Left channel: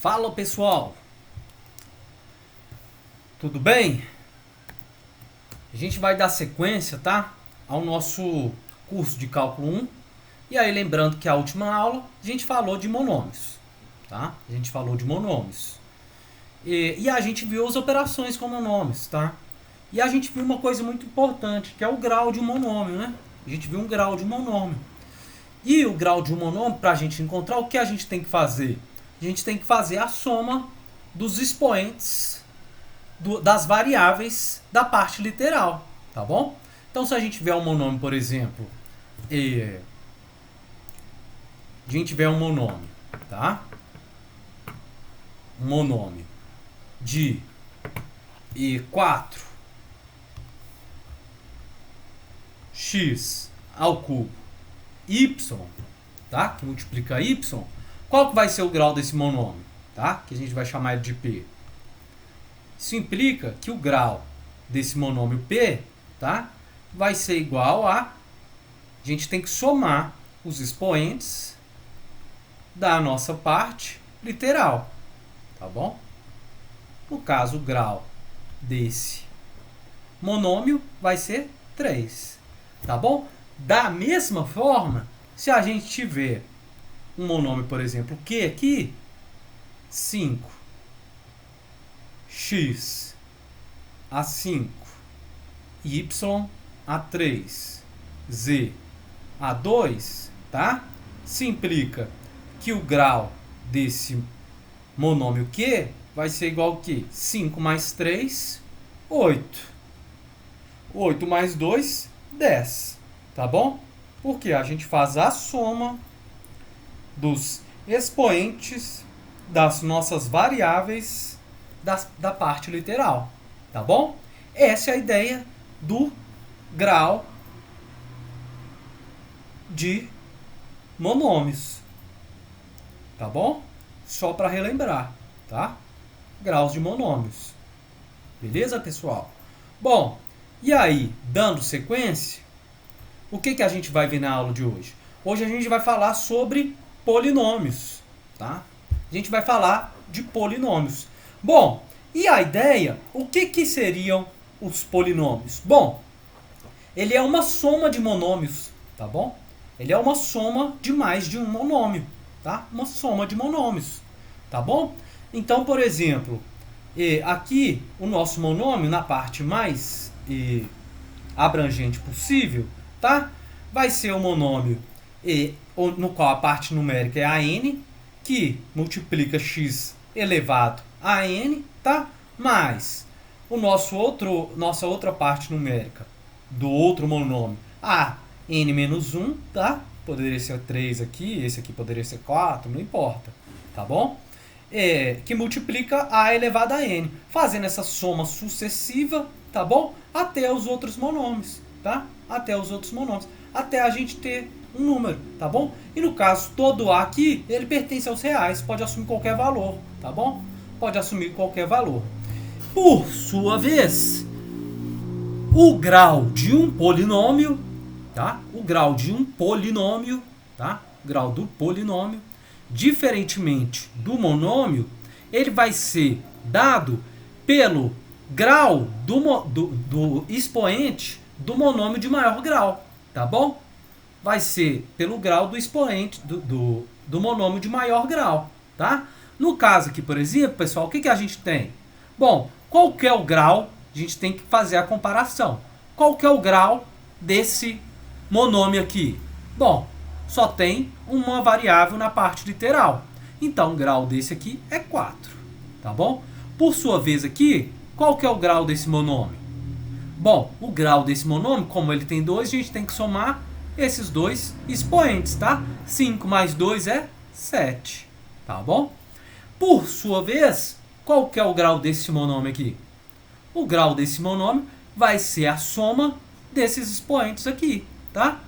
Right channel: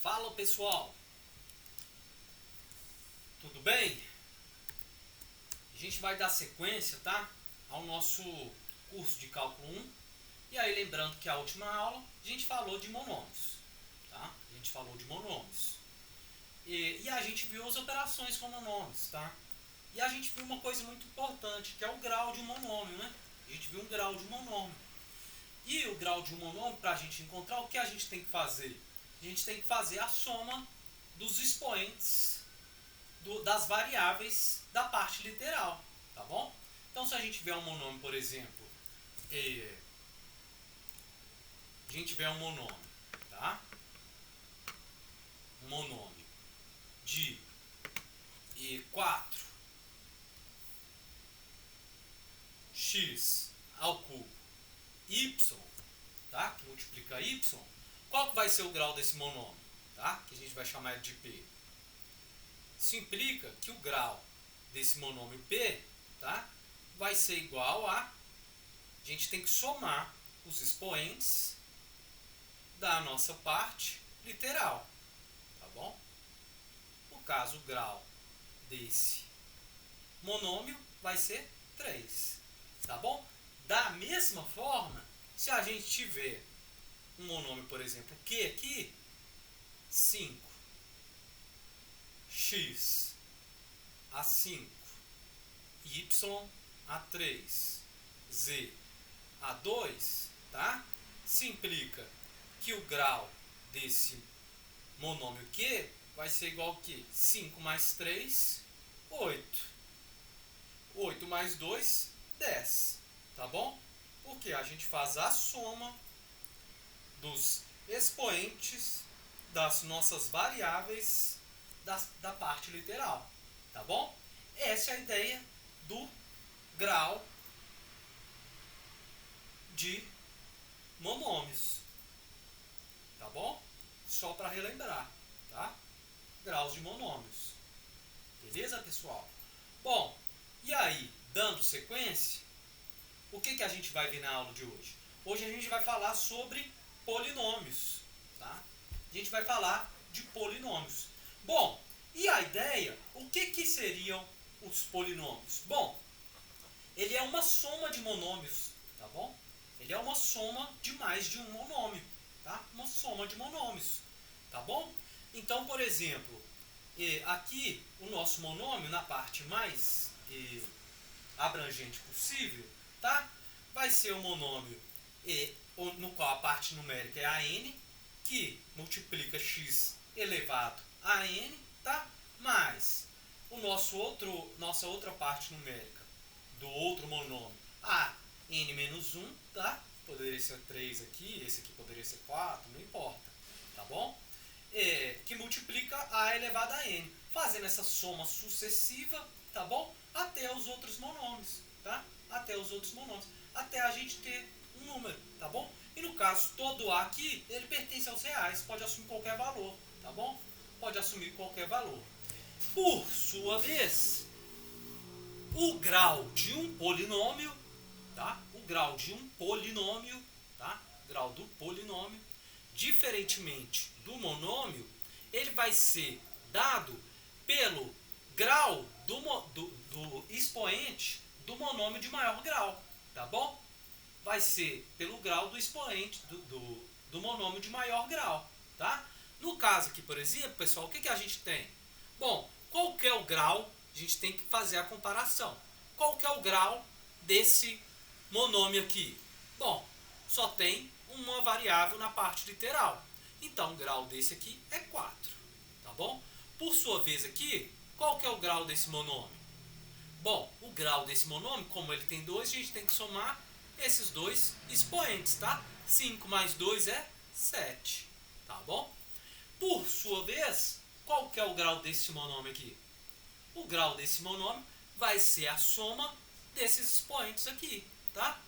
Fala pessoal, tudo bem? A gente vai dar sequência, tá? Ao nosso curso de cálculo 1. E aí lembrando que a última aula a gente falou de monômios, tá? A gente falou de monômios. E a gente viu as operações com monômios, tá? E a gente viu uma coisa muito importante, que é o grau de um monômio, né? A gente viu um grau de um monômio. E o grau de um monômio, para a gente encontrar, o que a gente tem que fazer? A gente tem que fazer a soma dos expoentes das variáveis da parte literal, tá bom? Então, se a gente tiver um monômio, por exemplo, a gente tiver um monômio, tá? Um monômio de 4x ao cubo y, tá? Que multiplica y. Qual que vai ser o grau desse monômio, tá? Que a gente vai chamar ele de P. Isso implica que o grau desse monômio P, tá? Vai ser igual a gente tem que somar os expoentes da nossa parte literal, tá bom? No caso, o grau desse monômio vai ser 3, tá bom? Da mesma forma, se a gente tiver um monômio, por exemplo, Q aqui, 5x a 5, y a 3, z a 2, tá? Isso implica que o grau desse monômio Q vai ser igual a quê? 5 mais 3, 8. 8 mais 2, 10. Tá bom? Porque a gente faz a soma dos expoentes das nossas variáveis da parte literal. Tá bom? Essa é a ideia do grau de monômios. Tá bom? Só para relembrar, tá? Graus de monômios. Beleza, pessoal? Bom, e aí, dando sequência, o que a gente vai ver na aula de hoje? Hoje a gente vai falar sobre polinômios, tá? A gente vai falar de polinômios. Bom, e a ideia, o que seriam os polinômios? Bom, ele é uma soma de monômios, tá bom? Ele é uma soma de mais de um monômio, tá? Uma soma de monômios, tá bom? Então, por exemplo, aqui o nosso monômio, na parte mais abrangente possível, tá? Vai ser o monômio no qual a parte numérica é a n, que multiplica x elevado a n, tá? Mais nossa outra parte numérica do outro monômio, a n menos 1, tá? Poderia ser 3 aqui, esse aqui poderia ser 4, não importa, tá bom? Que multiplica a elevado a n, fazendo essa soma sucessiva, tá bom? Até os outros monômios, tá? Até os outros monômios, até a gente ter um número, tá bom? E no caso, todo A aqui, ele pertence aos reais, pode assumir qualquer valor, tá bom? Pode assumir qualquer valor. Por sua vez, o grau de um polinômio, tá? O grau de um polinômio, tá? O grau do polinômio, diferentemente do monômio, ele vai ser dado pelo grau do expoente do monômio de maior grau, tá bom? Vai ser pelo grau do expoente do monômio de maior grau, tá? No caso aqui, por exemplo, pessoal, o que a gente tem? Bom, qual que é o grau? A gente tem que fazer a comparação. Qual que é o grau desse monômio aqui? Bom, só tem uma variável na parte literal. Então, o grau desse aqui é 4, tá bom? Por sua vez aqui, qual que é o grau desse monômio? Bom, o grau desse monômio, como ele tem 2, a gente tem que somar esses dois expoentes, tá? 5 mais 2 é 7, tá bom? Por sua vez, qual que é o grau desse monômio aqui? O grau desse monômio vai ser a soma desses expoentes aqui, tá?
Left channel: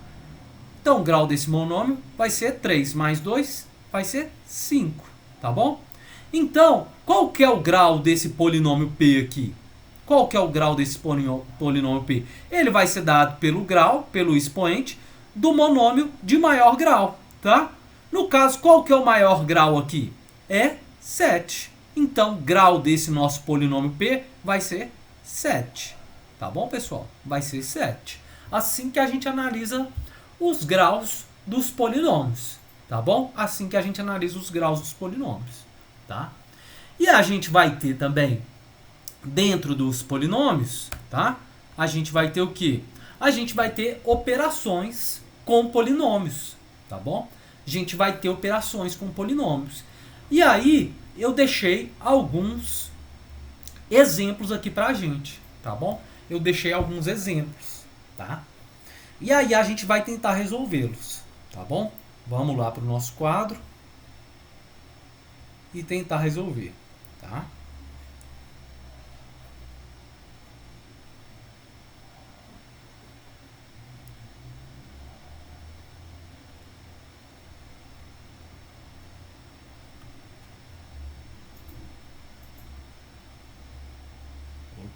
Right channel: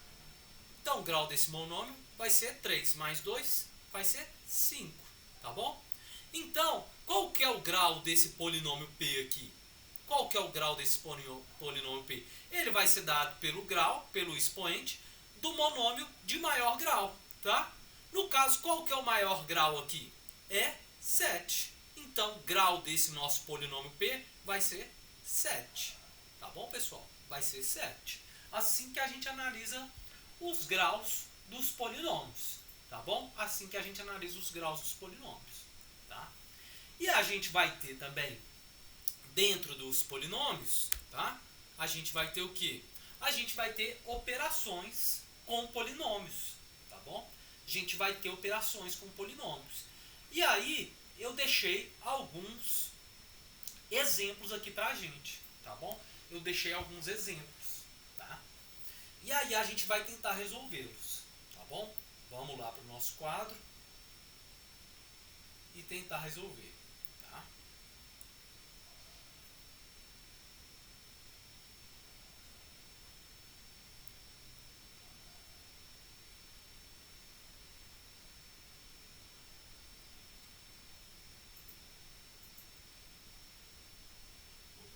Então, o grau desse monômio vai ser 3 mais 2, vai ser 5, tá bom? Então, qual que é o grau desse polinômio P aqui? Qual que é o grau desse polinômio P? Ele vai ser dado pelo grau, pelo expoente, do monômio de maior grau, tá? No caso, qual que é o maior grau aqui? É 7. Então, o grau desse nosso polinômio P vai ser 7. Tá bom, pessoal? Vai ser 7. Assim que a gente analisa os graus dos polinômios. Tá bom? Assim que a gente analisa os graus dos polinômios. Tá? E a gente vai ter também, dentro dos polinômios, tá? A gente vai ter o quê? A gente vai ter operações com polinômios. Tá bom? A gente vai ter operações com polinômios. E aí, eu deixei alguns exemplos aqui pra gente, tá bom? Eu deixei alguns exemplos, tá? E aí a gente vai tentar resolvê-los, tá bom? Vamos lá pro nosso quadro e tentar resolver, tá?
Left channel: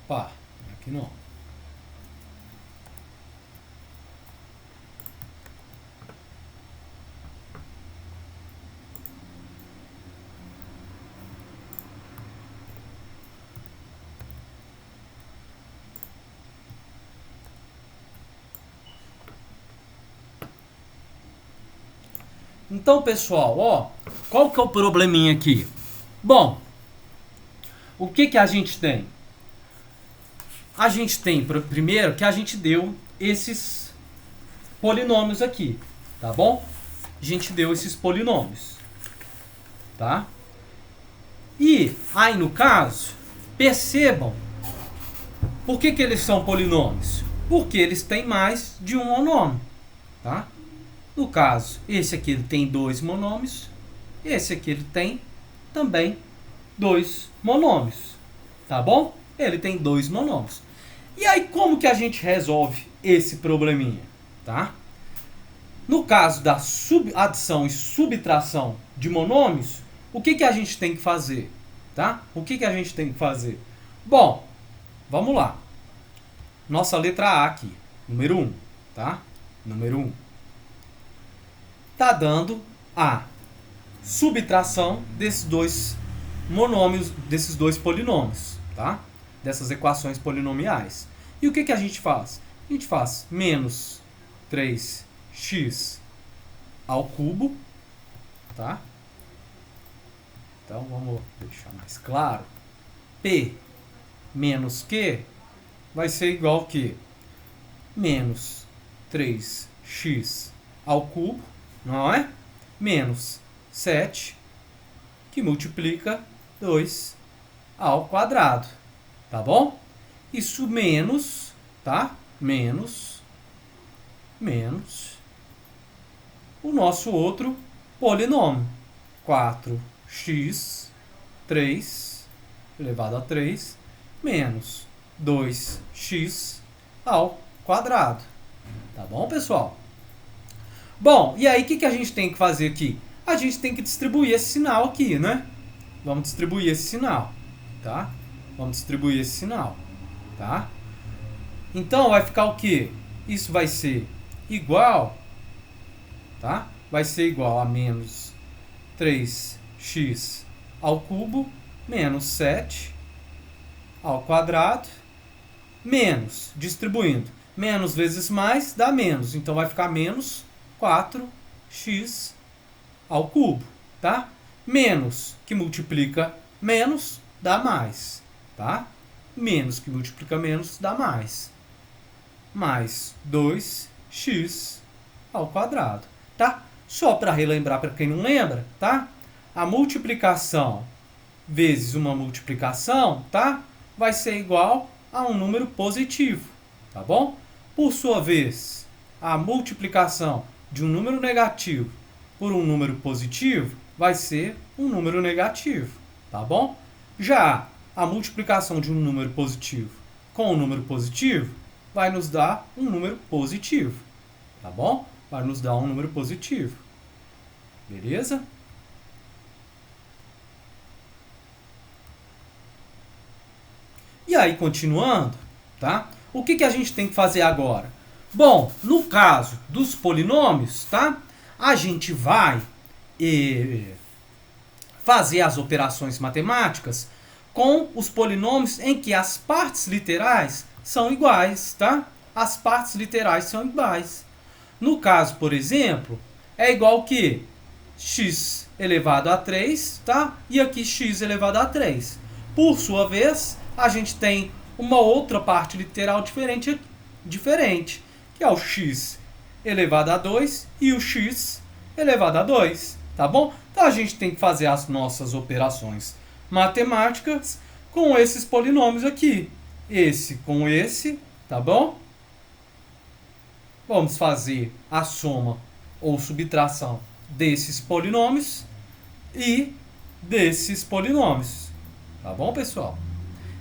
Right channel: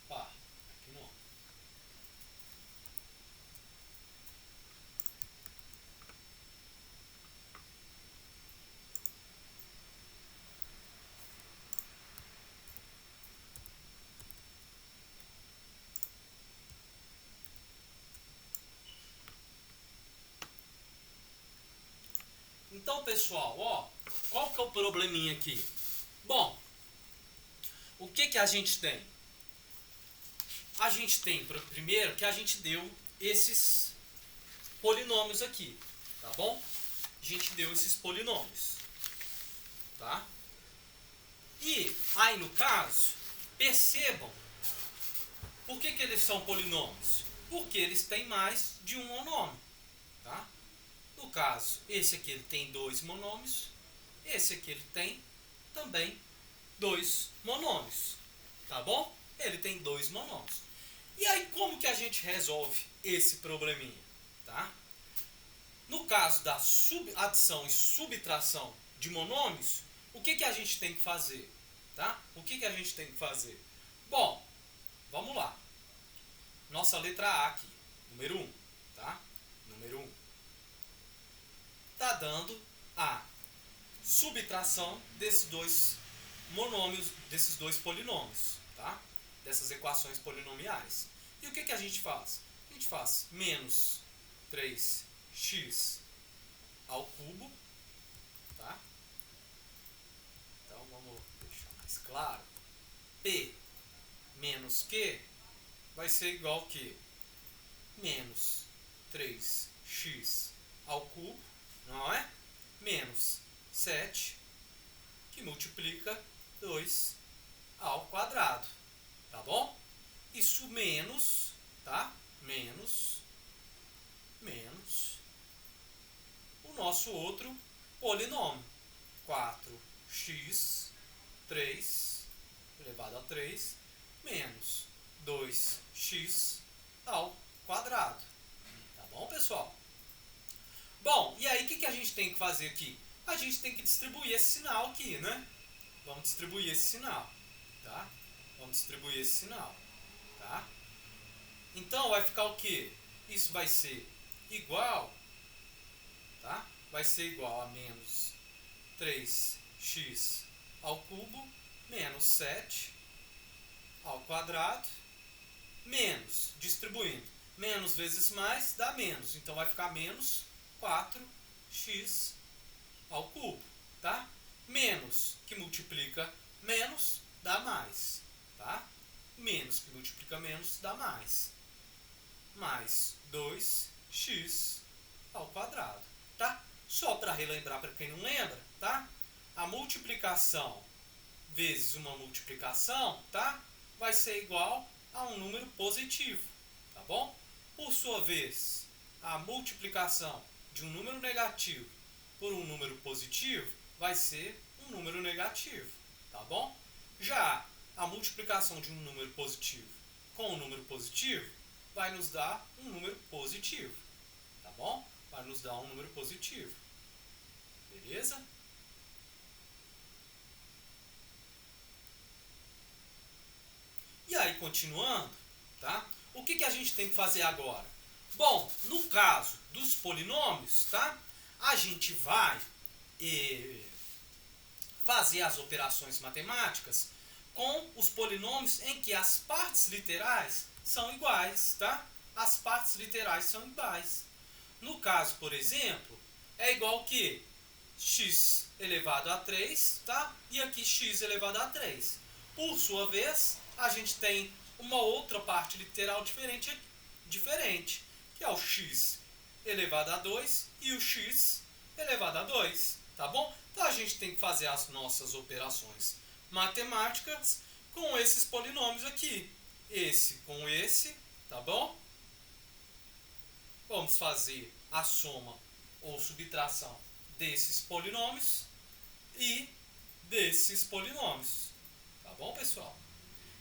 Opa, aqui não. Então, pessoal, ó, qual que é o probleminha aqui? Bom, o que que a gente tem? A gente tem, primeiro, que a gente deu esses polinômios aqui, tá bom? A gente deu esses polinômios, tá? E aí, no caso, percebam, por que que eles são polinômios? Porque eles têm mais de um monômio, tá? No caso, esse aqui ele tem 2 monômios, esse aqui ele tem também 2 monômios, tá bom? Ele tem 2 monômios. E aí, como que a gente resolve esse probleminha, tá? No caso da adição e subtração de monômios, o que que a gente tem que fazer, tá? O que que a gente tem que fazer? Bom, vamos lá. Nossa letra A aqui, número 1, tá? Número 1. Tá dando a subtração desses dois monômios, desses dois polinômios, tá? Dessas equações polinomiais. E o que que a gente faz? A gente faz menos 3x ao cubo, tá? Então, vamos deixar mais claro. P menos Q vai ser igual a quê? Menos 3x ao cubo, não é? Menos 7, que multiplica 2 ao quadrado, tá bom? Isso menos, tá? Menos o nosso outro polinômio, 4x 3 elevado a 3 menos 2x ao quadrado. Tá bom, pessoal? Bom, e aí o que a gente tem que fazer aqui? A gente tem que distribuir esse sinal aqui, né? Vamos distribuir esse sinal, tá? Vamos distribuir esse sinal, tá? Então, vai ficar o quê? Isso vai ser igual, tá? Vai ser igual a menos 3x ao cubo menos 7 ao quadrado menos, distribuindo, menos vezes mais dá menos. Então, vai ficar menos 4x ao cubo, tá? Menos que multiplica menos dá mais, tá? Menos que multiplica menos dá mais. Mais 2x ao quadrado, tá? Só para relembrar para quem não lembra, tá? A multiplicação vezes uma multiplicação, tá? Vai ser igual a um número positivo, tá bom? Por sua vez, a multiplicação de um número negativo por um número positivo vai ser um número negativo, tá bom? Já a multiplicação de um número positivo com um número positivo vai nos dar um número positivo, tá bom? Vai nos dar um número positivo, beleza? E aí, continuando, tá? O que a gente tem que fazer agora? Bom, no caso dos polinômios, tá? A gente vai fazer as operações matemáticas com os polinômios em que as partes literais são iguais, tá? As partes literais são iguais. No caso, por exemplo, é igual que x elevado a 3, tá? E aqui x elevado a 3. Por sua vez, a gente tem uma outra parte literal diferente, que é o x elevado a 2 e o x elevado a 2, tá bom? Então a gente tem que fazer as nossas operações matemáticas com esses polinômios aqui. Esse com esse, tá bom? Vamos fazer a soma ou subtração desses polinômios e desses polinômios. Tá bom, pessoal?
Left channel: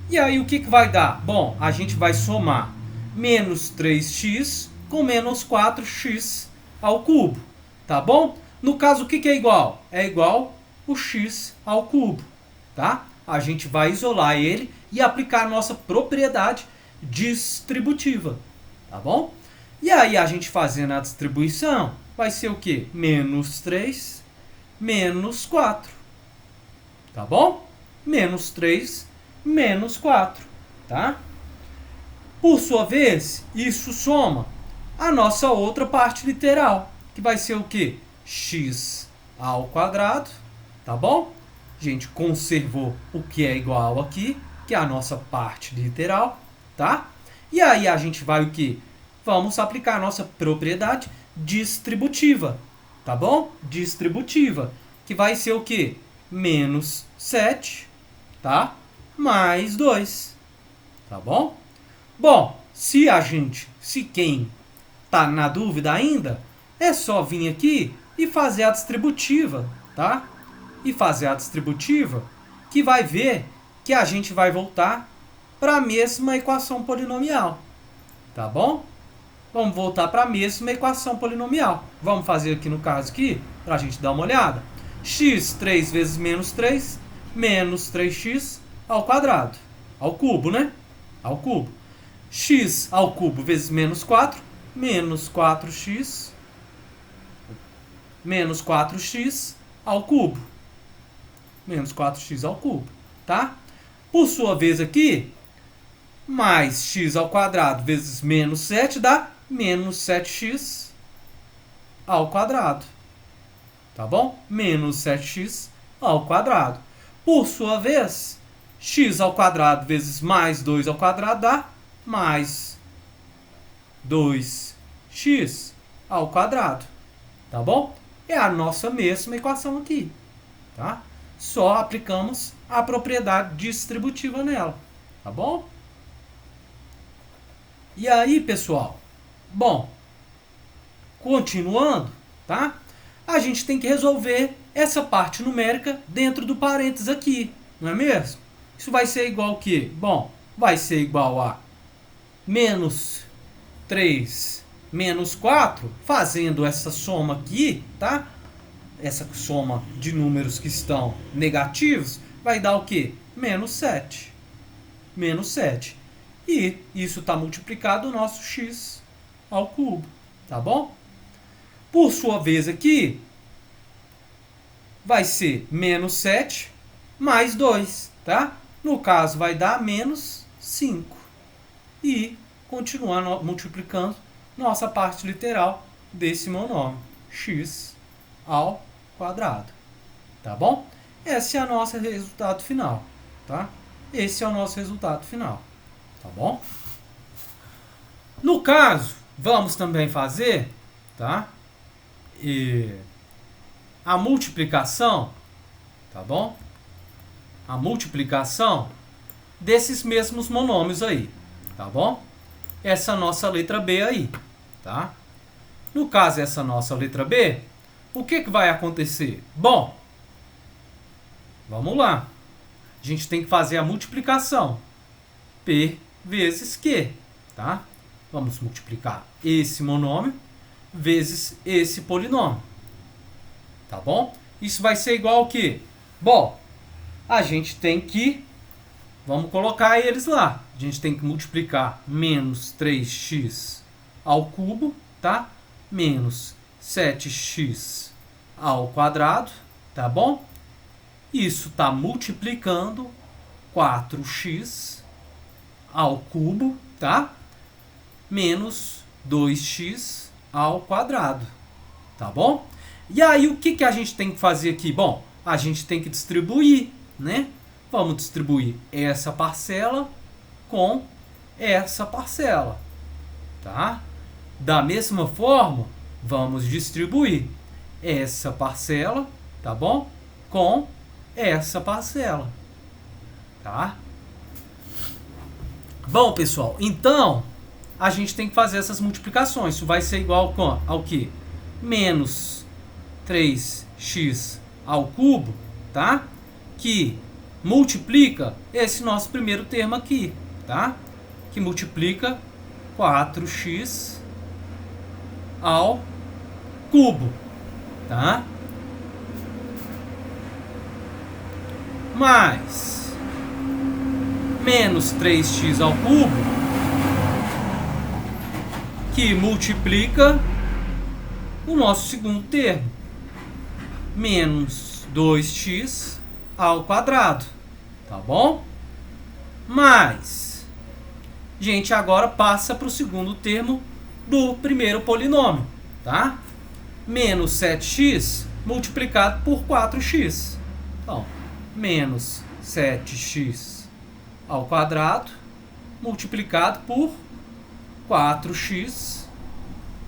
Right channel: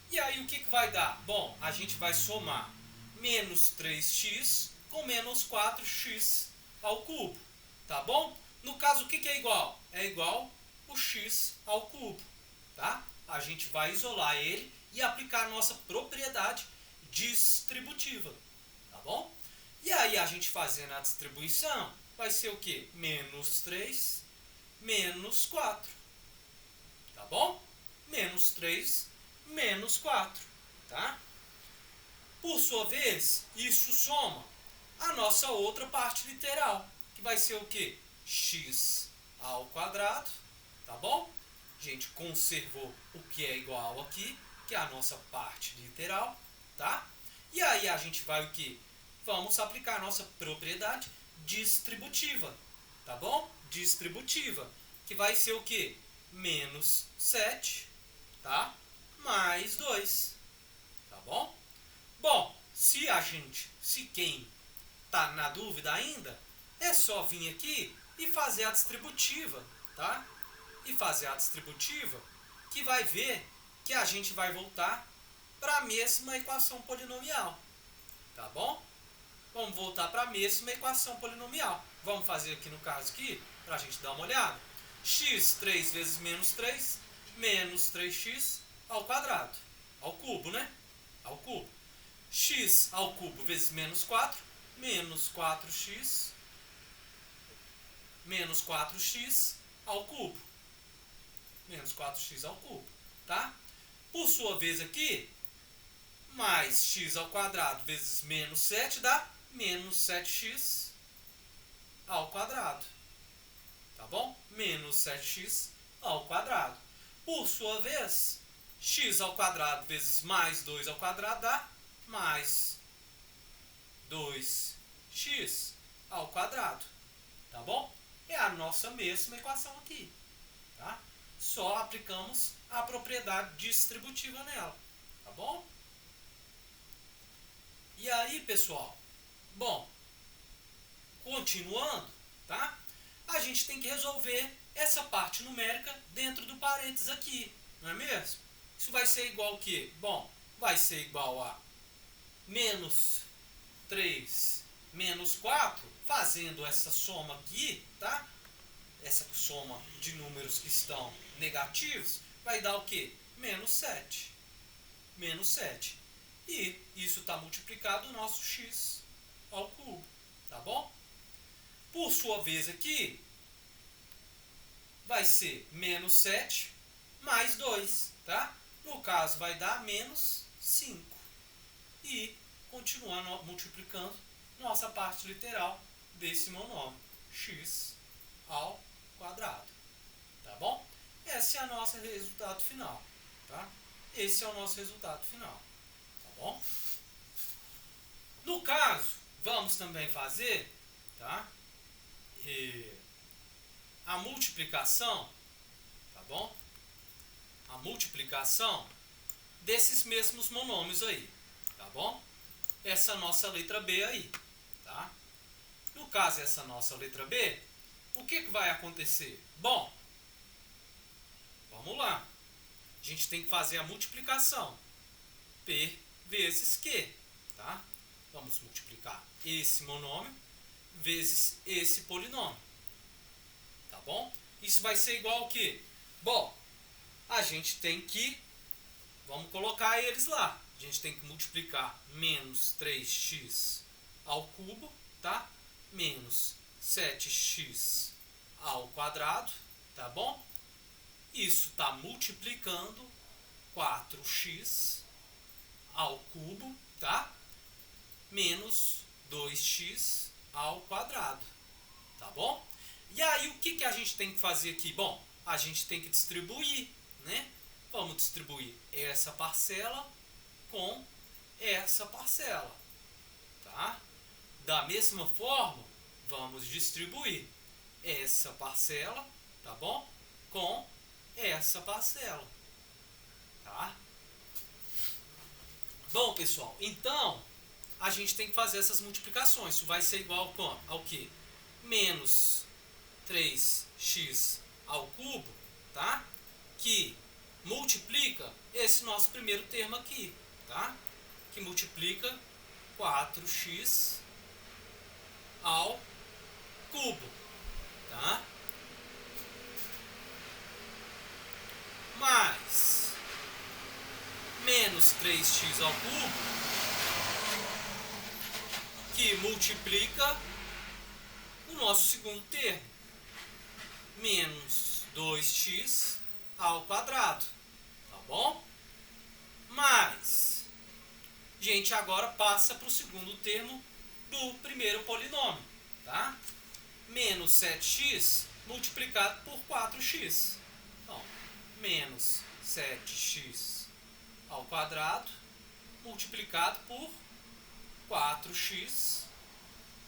E aí o que vai dar? Bom, a gente vai somar menos 3x com menos 4x ao cubo. Tá bom? No caso, o que é igual? É igual o x ao cubo. Tá? A gente vai isolar ele e aplicar a nossa propriedade distributiva. Tá bom? E aí a gente fazendo a distribuição, vai ser o quê? Menos 3, menos 4. Tá bom? Menos 3, menos 4. Tá? Por sua vez, isso soma a nossa outra parte literal, que vai ser o quê? X ao quadrado. Tá bom? A gente conservou o que é igual aqui, que é a nossa parte literal. Tá? E aí a gente vai o quê? Vamos aplicar a nossa propriedade distributiva, tá bom? Distributiva, que vai ser o quê? Menos 7, tá? Mais 2, tá bom? Bom, se quem tá na dúvida ainda, é só vir aqui e fazer a distributiva, tá? E fazer a distributiva, que vai ver que a gente vai voltar para a mesma equação polinomial, tá bom? Vamos voltar para a mesma equação polinomial. Vamos fazer aqui no caso aqui, para a gente dar uma olhada. X 3 vezes menos 3, menos 3x ao quadrado. Ao cubo, né? Ao cubo. X ao cubo vezes menos 4, menos 4x, menos 4x ao cubo. Menos 4x ao cubo, tá? Por sua vez aqui, mais x ao quadrado vezes menos 7 dá menos 7x ao quadrado. Tá bom? Menos 7x ao quadrado. Por sua vez, x ao quadrado vezes mais 2 ao quadrado dá mais 2x ao quadrado. Tá bom? É a nossa mesma equação aqui. Tá? Só aplicamos a propriedade distributiva nela. Tá bom? E aí, pessoal? Bom, continuando, tá? A gente tem que resolver essa parte numérica dentro do parênteses aqui, não é mesmo? Isso vai ser igual ao quê? Bom, vai ser igual a menos 3 menos 4, fazendo essa soma aqui, tá? Essa soma de números que estão negativos, vai dar o quê? Menos 7. Menos 7. E isso está multiplicado o nosso x ao cubo, tá bom? Por sua vez aqui, vai ser menos 7 mais 2, tá? No caso, vai dar menos 5. E continuar multiplicando nossa parte literal desse monômio, x ao quadrado, tá bom? Esse é o nosso resultado final, tá? Esse é o nosso resultado final, tá bom? No caso, vamos também fazer, tá? A multiplicação, tá bom? A multiplicação desses mesmos monômios aí, tá bom? Essa nossa letra B aí, tá? No caso, essa nossa letra B, o que vai acontecer? Bom, vamos lá. A gente tem que fazer a multiplicação. P vezes Q, tá? Vamos multiplicar esse monômio vezes esse polinômio. Tá bom? Isso vai ser igual ao quê? Bom, a gente tem que... Vamos colocar eles lá. A gente tem que multiplicar menos 3x ao cubo, tá? Menos 7x ao quadrado, tá bom? Isso está multiplicando 4x ao cubo, tá? Menos 2x ao quadrado, tá bom? E aí, o que a gente tem que fazer aqui? Bom, a gente tem que distribuir, né? Vamos distribuir essa parcela com essa parcela, tá? Da mesma forma, vamos distribuir essa parcela, tá bom? Com essa parcela, tá? Bom, pessoal, então a gente tem que fazer essas multiplicações. Isso vai ser igual ao que? Menos 3x ao cubo, tá? Que multiplica esse nosso primeiro termo aqui, tá? Que multiplica 4x ao cubo, tá? Mais menos 3x ao cubo, que multiplica o nosso segundo termo, menos 2x ao quadrado, tá bom? Mas, gente, agora passa para o segundo termo do primeiro polinômio, tá? Menos 7x multiplicado por 4x. Então, menos 7x ao quadrado multiplicado por 4x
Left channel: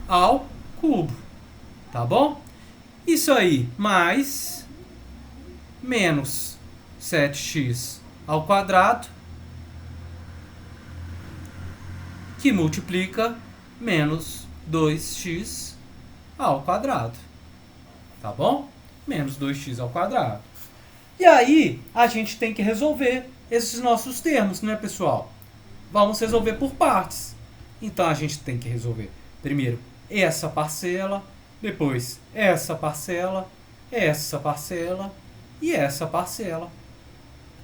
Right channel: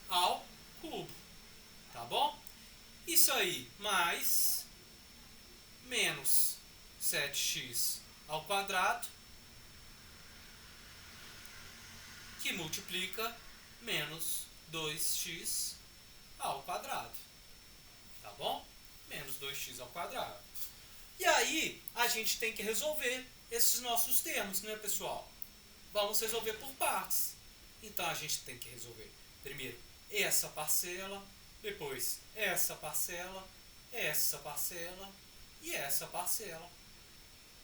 ao cubo, tá bom? Isso aí, mais menos 7x ao quadrado, que multiplica menos 2x ao quadrado, tá bom? Menos 2x ao quadrado. E aí, a gente tem que resolver esses nossos termos, né, pessoal? Vamos resolver por partes. Então, a gente tem que resolver primeiro essa parcela, depois essa parcela e essa parcela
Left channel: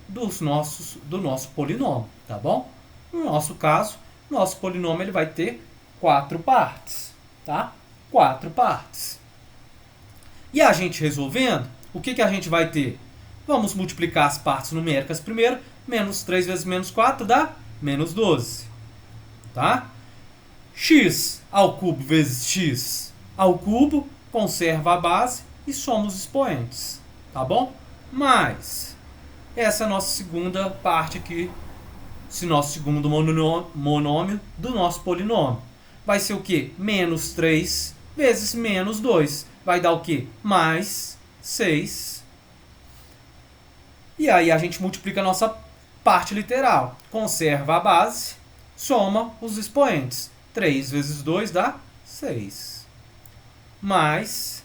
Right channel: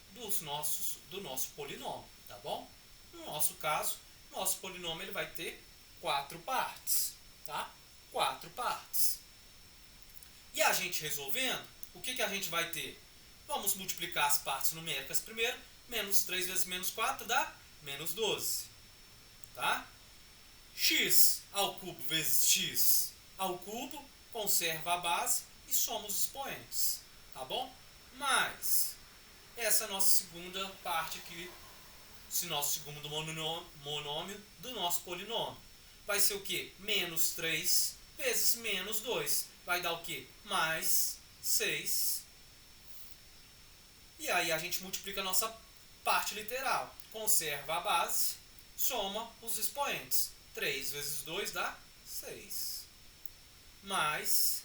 do nosso polinômio, tá bom? No nosso caso, nosso polinômio ele vai ter 4 partes, tá? 4 partes. E a gente resolvendo, o que a gente vai ter? Vamos multiplicar as partes numéricas primeiro. Menos 3 vezes menos 4 dá menos 12. Tá? X ao cubo vezes x ao cubo, conserva a base e soma os expoentes. Tá bom? Mais essa é a nossa segunda parte aqui, esse nosso segundo monômio do nosso polinômio. Vai ser o quê? Menos 3 vezes menos 2. Vai dar o quê? Mais 6. E aí a gente multiplica a nossa parte literal. Conserva a base, soma os expoentes. 3 vezes 2 dá 6. Mais,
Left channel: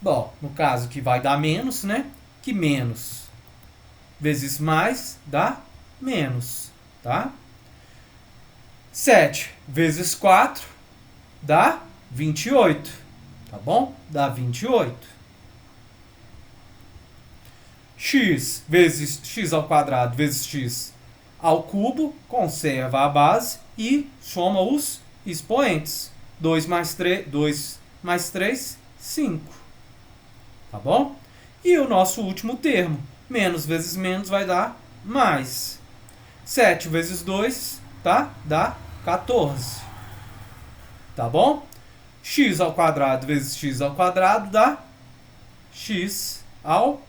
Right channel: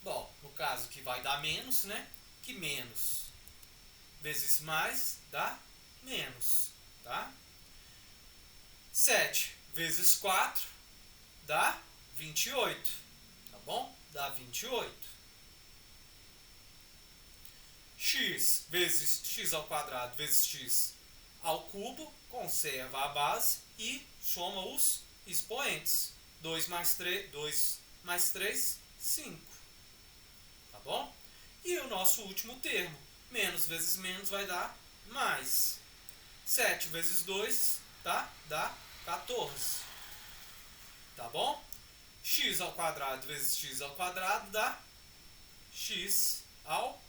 bom, no caso que vai dar menos, né? Que menos vezes mais dá menos, tá? 7 vezes 4 dá 28, tá bom? Dá 28. X vezes x ao quadrado vezes x ao cubo, conserva a base e soma os expoentes. 2 mais 3, 5. Tá bom? E o nosso último termo, menos vezes menos vai dar mais. 7 vezes 2, tá? Dá 14. Tá bom? X ao quadrado vezes x ao quadrado dá x ao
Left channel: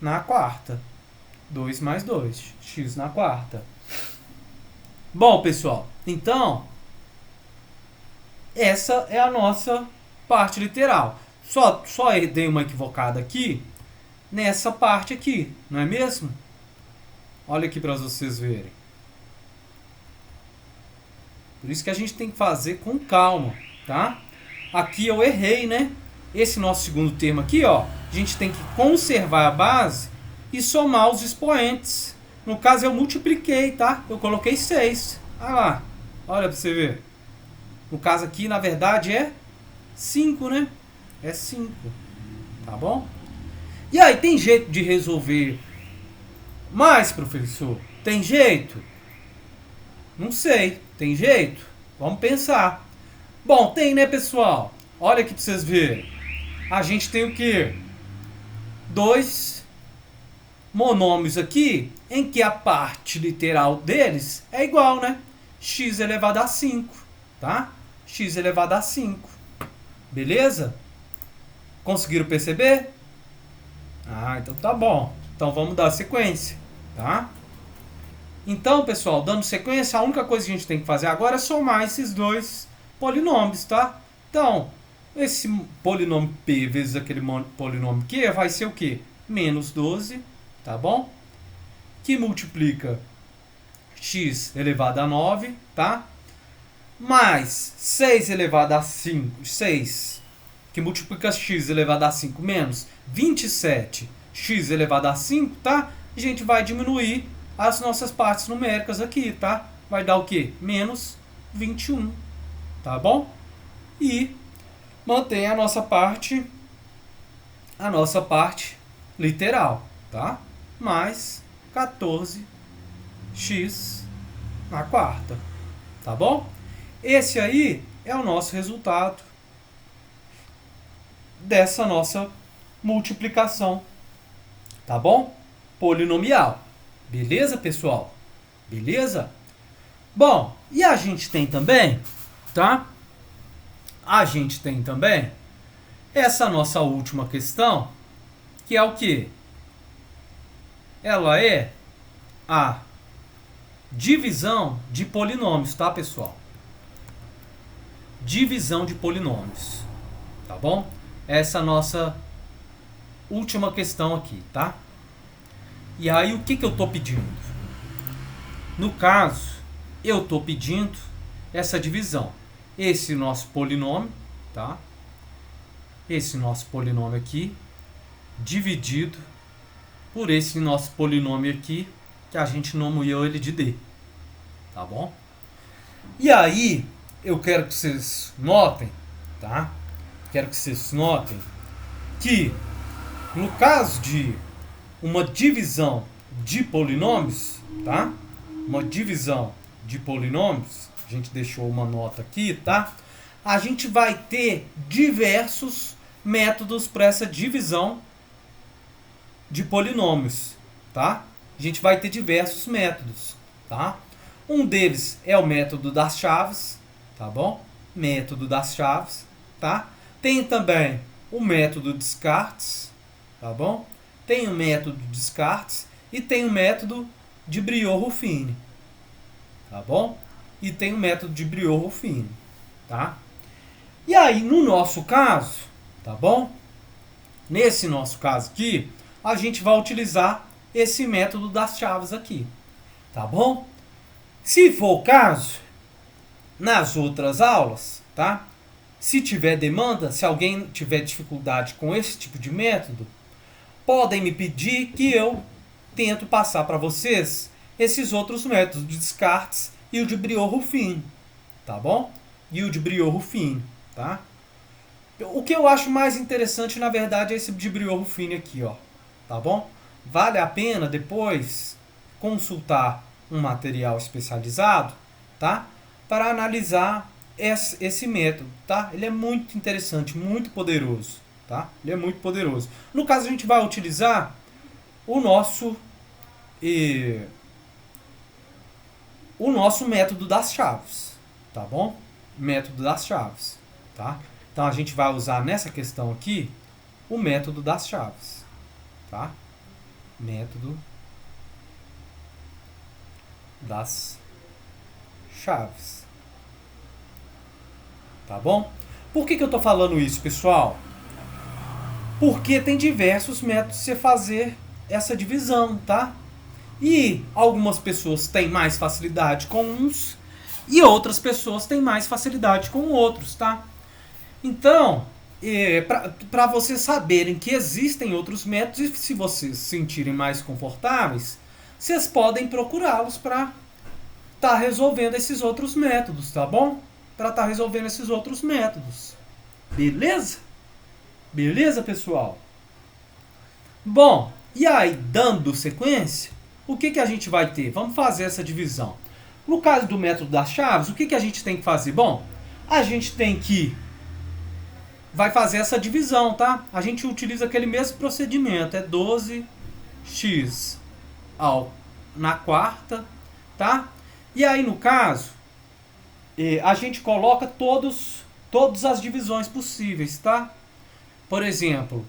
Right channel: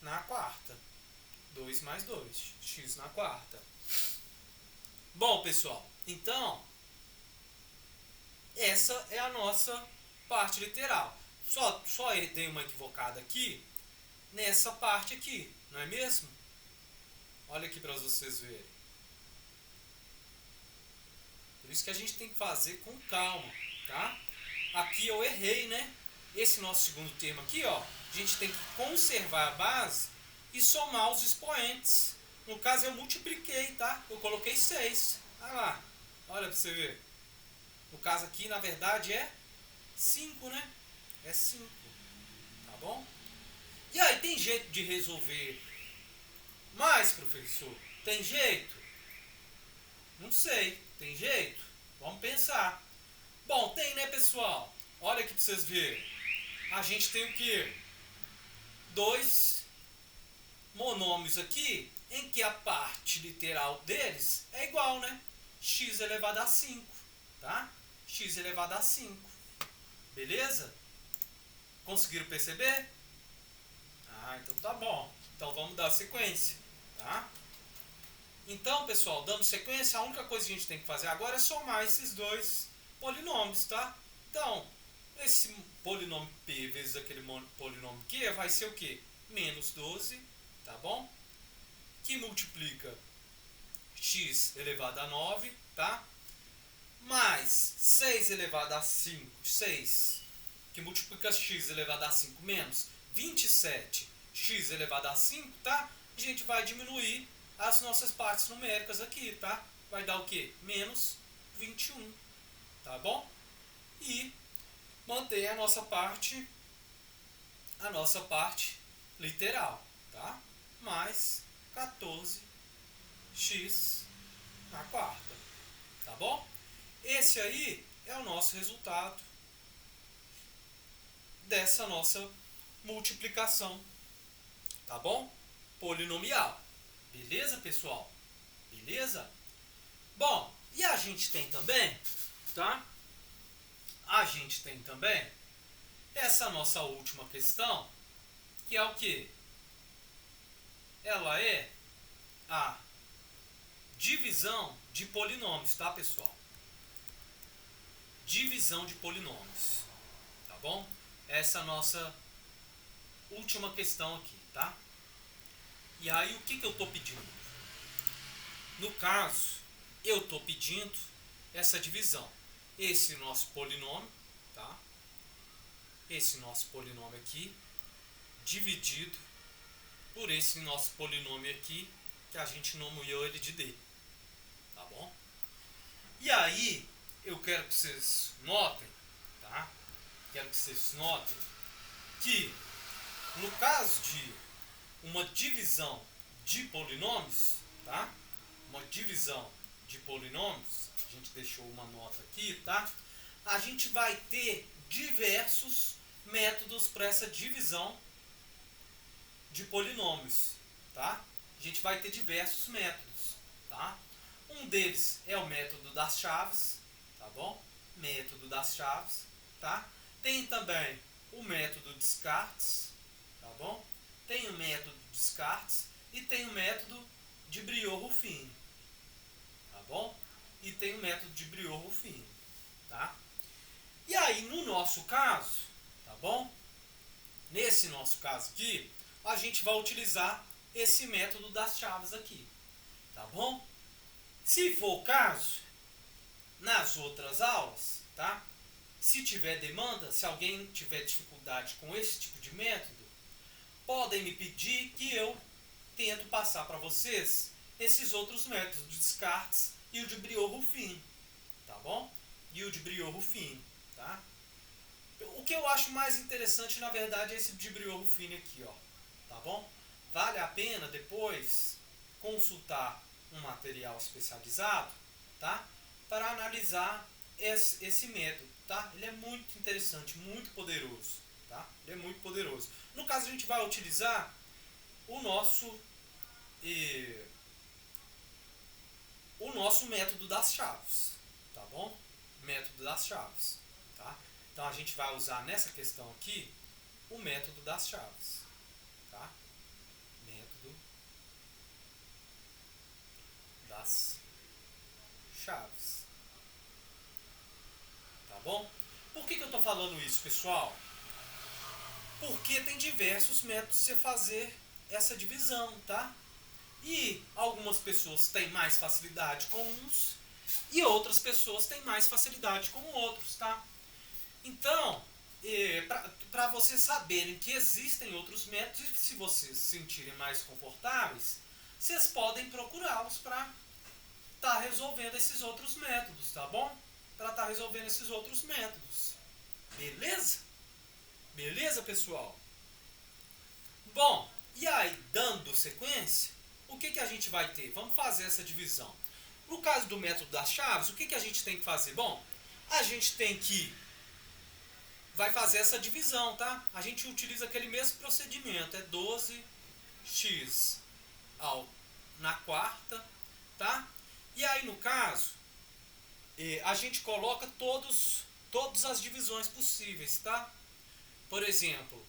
na quarta. 2 mais 2, x na quarta. Bom, pessoal, então, essa é a nossa parte literal. Só dei uma equivocada aqui nessa parte aqui, não é mesmo? Olha aqui para vocês verem. Por isso que a gente tem que fazer com calma, tá? Aqui eu errei, né? Esse nosso segundo termo aqui, ó, a gente tem que conservar a base e somar os expoentes. No caso, eu multipliquei, tá? Eu coloquei 6. Ah lá, olha para você ver. No caso aqui, na verdade, é 5, né? É 5, tá bom? E aí, tem jeito de resolver mais, professor? Tem jeito? Não sei. Tem jeito? Vamos pensar. Bom, tem, né, pessoal? Olha aqui para vocês verem. A gente tem o quê? dois monômios aqui em que a parte literal deles é igual, né? X elevado a 5, tá? X elevado a 5. Beleza? Conseguiram perceber? Ah, então tá bom. Então vamos dar sequência, tá? Então, pessoal, dando sequência, a única coisa que a gente tem que fazer agora é somar esses dois polinômios, tá? Então, esse polinômio P vezes aquele polinômio Q vai ser o quê? Menos 12, tá bom? Que multiplica x elevado a 9, tá? Mais 6 elevado a 5, 6, que multiplica x elevado a 5 menos 27 x elevado a 5, tá? A gente vai diminuir as nossas partes numéricas aqui, tá? Vai dar o quê? Menos 21, tá bom? E mantém a nossa parte literal, tá? Mais 14x na quarta, tá bom? Esse aí é o nosso resultado dessa nossa multiplicação, tá bom? Polinomial. Beleza, pessoal? Beleza? Bom, e a gente tem também, tá? A gente tem também essa nossa última questão, que é o quê? Ela é a divisão de polinômios, tá, pessoal? Divisão de polinômios, tá bom? Essa é a nossa última questão aqui, tá? E aí, o que eu estou pedindo? No caso, eu estou pedindo essa divisão. Esse nosso polinômio, tá? Esse nosso polinômio aqui, dividido por esse nosso polinômio aqui, que a gente nomeou ele de D, tá bom? E aí, eu quero que vocês notem, tá? Quero que vocês notem que, no caso de uma divisão de polinômios, tá? Uma divisão de polinômios, a gente deixou uma nota aqui, tá? A gente vai ter diversos métodos para essa divisão de polinômios, tá? A gente vai ter diversos métodos, tá? Um deles é o método das chaves, tá bom? Método das chaves, tá? Tem também o método Descartes, tá bom? Tem o método Descartes e tem o método de Briot-Ruffini, tá bom? E tem o método de Briot-Ruffini, tá? E aí, no nosso caso, tá bom? Nesse nosso caso aqui, a gente vai utilizar esse método das chaves aqui, tá bom? Se for o caso, nas outras aulas, tá? Se tiver demanda, se alguém tiver dificuldade com esse tipo de método, podem me pedir que eu tento passar para vocês esses outros métodos de Descartes e o de Briot-Ruffini, tá bom? E o de Briot-Ruffini, tá? O que eu acho mais interessante, na verdade, é esse de Briot-Ruffini aqui, ó, tá bom? Vale a pena depois consultar um material especializado, tá? Para analisar esse método, tá? Ele é muito interessante, muito poderoso, tá? Ele é muito poderoso. No caso, a gente vai utilizar o nosso método das chaves, tá bom? Método das chaves, tá? Então a gente vai usar nessa questão aqui o método das chaves, tá? Método das chaves, tá bom? Por que eu estou falando isso, pessoal? Porque tem diversos métodos de você fazer essa divisão, tá? E algumas pessoas têm mais facilidade com uns e outras pessoas têm mais facilidade com outros, tá? Então, para vocês saberem que existem outros métodos e se vocês se sentirem mais confortáveis, vocês podem procurá-los para estar resolvendo esses outros métodos, tá bom? Para estar resolvendo esses outros métodos. Beleza? Beleza, pessoal? Bom, e aí, dando sequência, o que a gente vai ter? Vamos fazer essa divisão. No caso do método das chaves, o que a gente tem que fazer? Bom, a gente tem que vai fazer essa divisão, tá? A gente utiliza aquele mesmo procedimento, é 12x na quarta, tá? E aí, no caso, a gente coloca todas as divisões possíveis, tá? Por exemplo,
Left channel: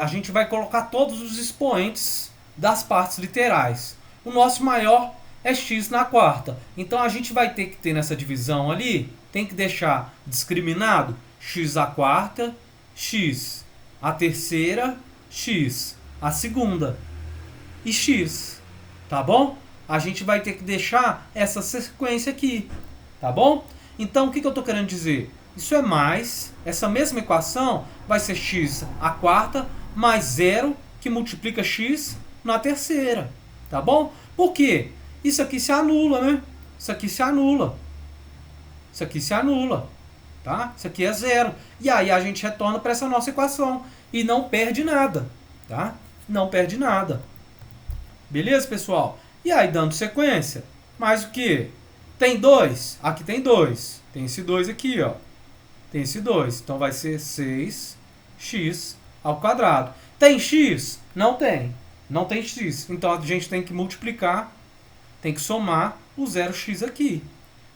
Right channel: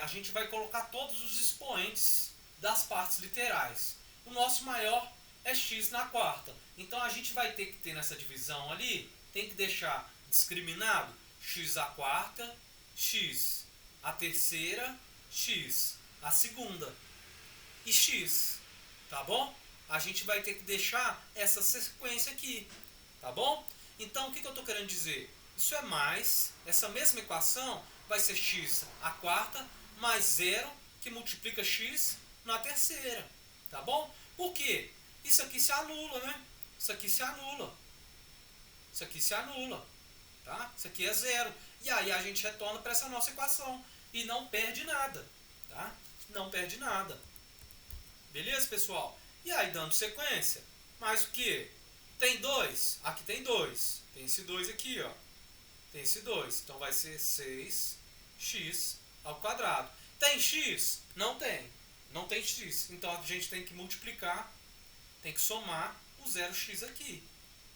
a gente vai colocar todos os expoentes das partes literais. O nosso maior é x na quarta. Então a gente vai ter que ter nessa divisão ali, tem que deixar discriminado x à quarta, x à terceira, x à segunda e x, tá bom? A gente vai ter que deixar essa sequência aqui, tá bom? Então o que eu estou querendo dizer? Isso é mais, essa mesma equação vai ser x à quarta mais 0 que multiplica x na terceira, tá bom? Por quê? Isso aqui se anula, né? Isso aqui se anula. Isso aqui se anula, tá? Isso aqui é 0. E aí a gente retorna para essa nossa equação e não perde nada, tá? Não perde nada. Beleza, pessoal? E aí, dando sequência, mais o que? Tem 2? Aqui tem 2. Tem esse 2 aqui, ó. Tem esse 2. Então vai ser 6x ao quadrado. Tem x? Não tem. Não tem x. Então a gente tem que multiplicar, tem que somar o 0x aqui.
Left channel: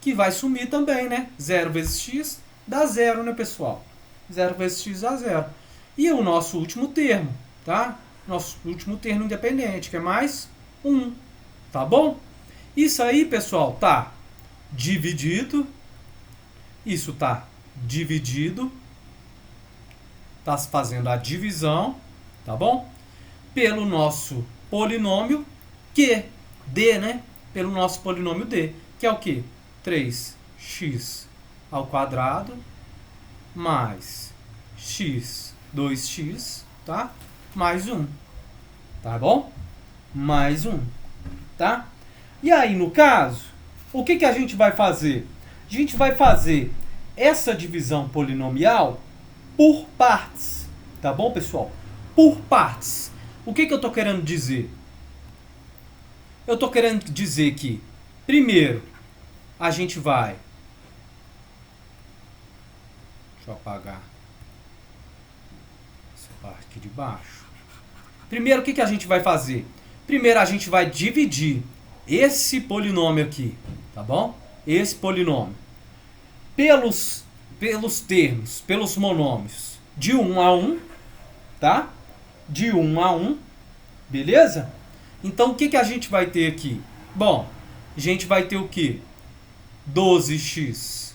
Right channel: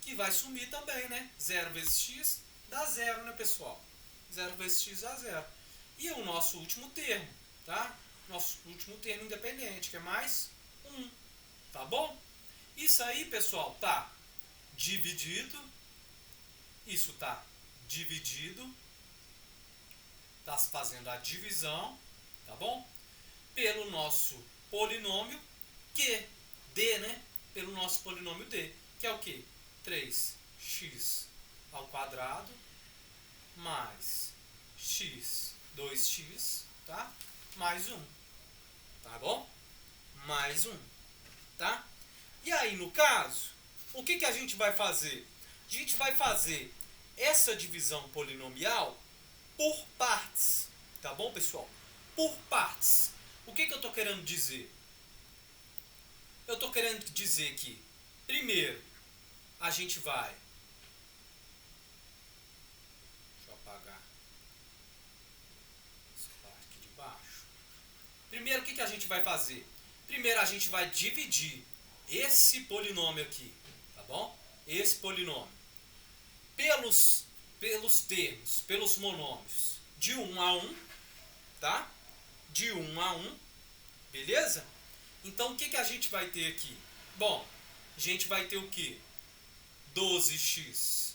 Que vai sumir também, né? 0 vezes x dá 0, né, pessoal? 0 vezes x dá 0. E o nosso último termo, tá? Nosso último termo independente, que é mais 1. Tá bom? Isso aí, pessoal, tá dividido. Isso tá dividido. Tá fazendo a divisão, tá bom? Pelo nosso polinômio Q, D, né? Pelo nosso polinômio D, que é o quê? 3x ao quadrado mais x, 2x, tá? Mais 1, tá bom? Mais 1, tá? E aí, no caso, o que a gente vai fazer? A gente vai fazer essa divisão polinomial por partes, tá bom, pessoal? Por partes. O que eu estou querendo dizer? Eu estou querendo dizer que, primeiro, a gente vai... Deixa eu apagar essa parte aqui de baixo. Primeiro, o que a gente vai fazer? Primeiro, a gente vai dividir esse polinômio aqui, tá bom? Esse polinômio. Pelos termos, pelos monômios, de 1 a 1, tá? De 1 a 1, beleza? Então, o que a gente vai ter aqui? Bom, a gente vai ter o quê? 12x.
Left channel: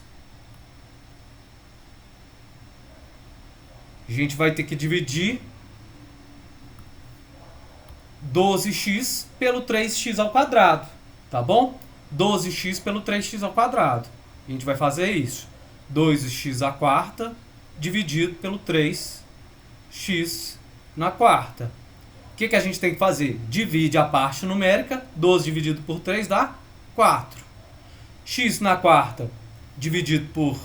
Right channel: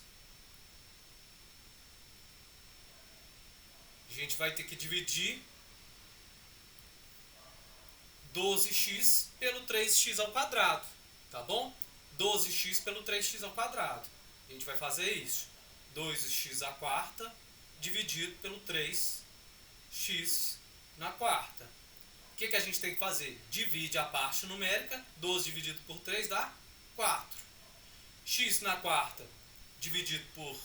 A gente vai ter que dividir 12x pelo 3x ao quadrado, tá bom? 12x pelo 3x ao quadrado. A gente vai fazer isso. 2x à quarta dividido pelo 3x na quarta. O que a gente tem que fazer? Divide a parte numérica. 12 dividido por 3 dá 4. X na quarta dividido por...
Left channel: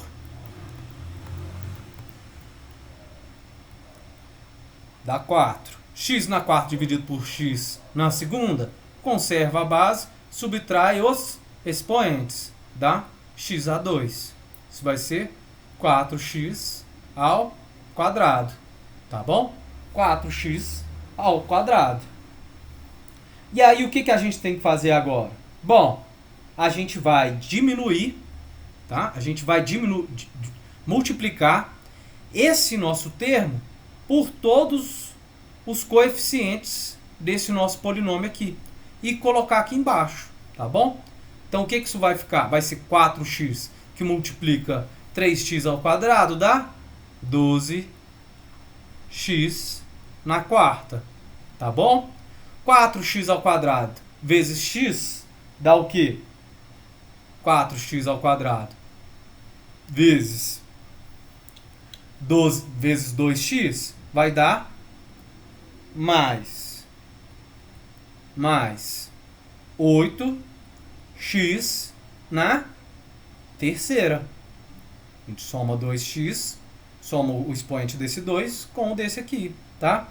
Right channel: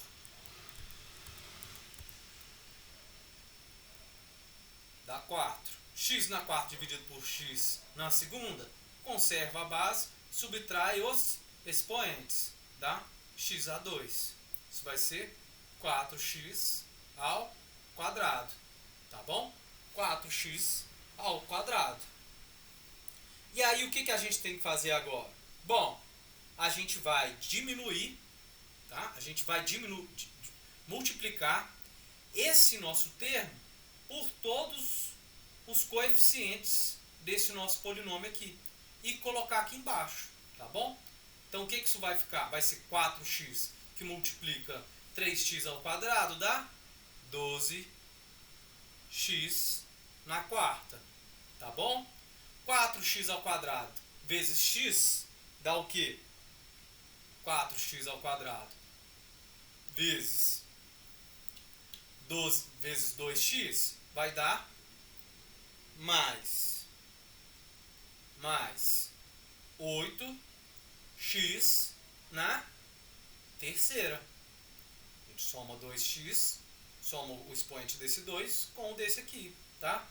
dá 4. X na quarta dividido por x na segunda, conserva a base, subtrai os expoentes, dá x a 2. Isso vai ser 4x ao quadrado, tá bom? 4x ao quadrado. E aí o que a gente tem que fazer agora? Bom, a gente vai diminuir, tá? A gente vai multiplicar esse nosso termo por todos os coeficientes desse nosso polinômio aqui e colocar aqui embaixo, tá bom? Então o que isso vai ficar? Vai ser 4x que multiplica 3x ao quadrado dá 12x na quarta, tá bom? 4x ao quadrado vezes x dá o quê? 4x ao quadrado vezes 12 vezes 2x vai dar mais 8x na terceira. A gente soma 2x, soma o expoente desse 2 com o desse aqui, tá?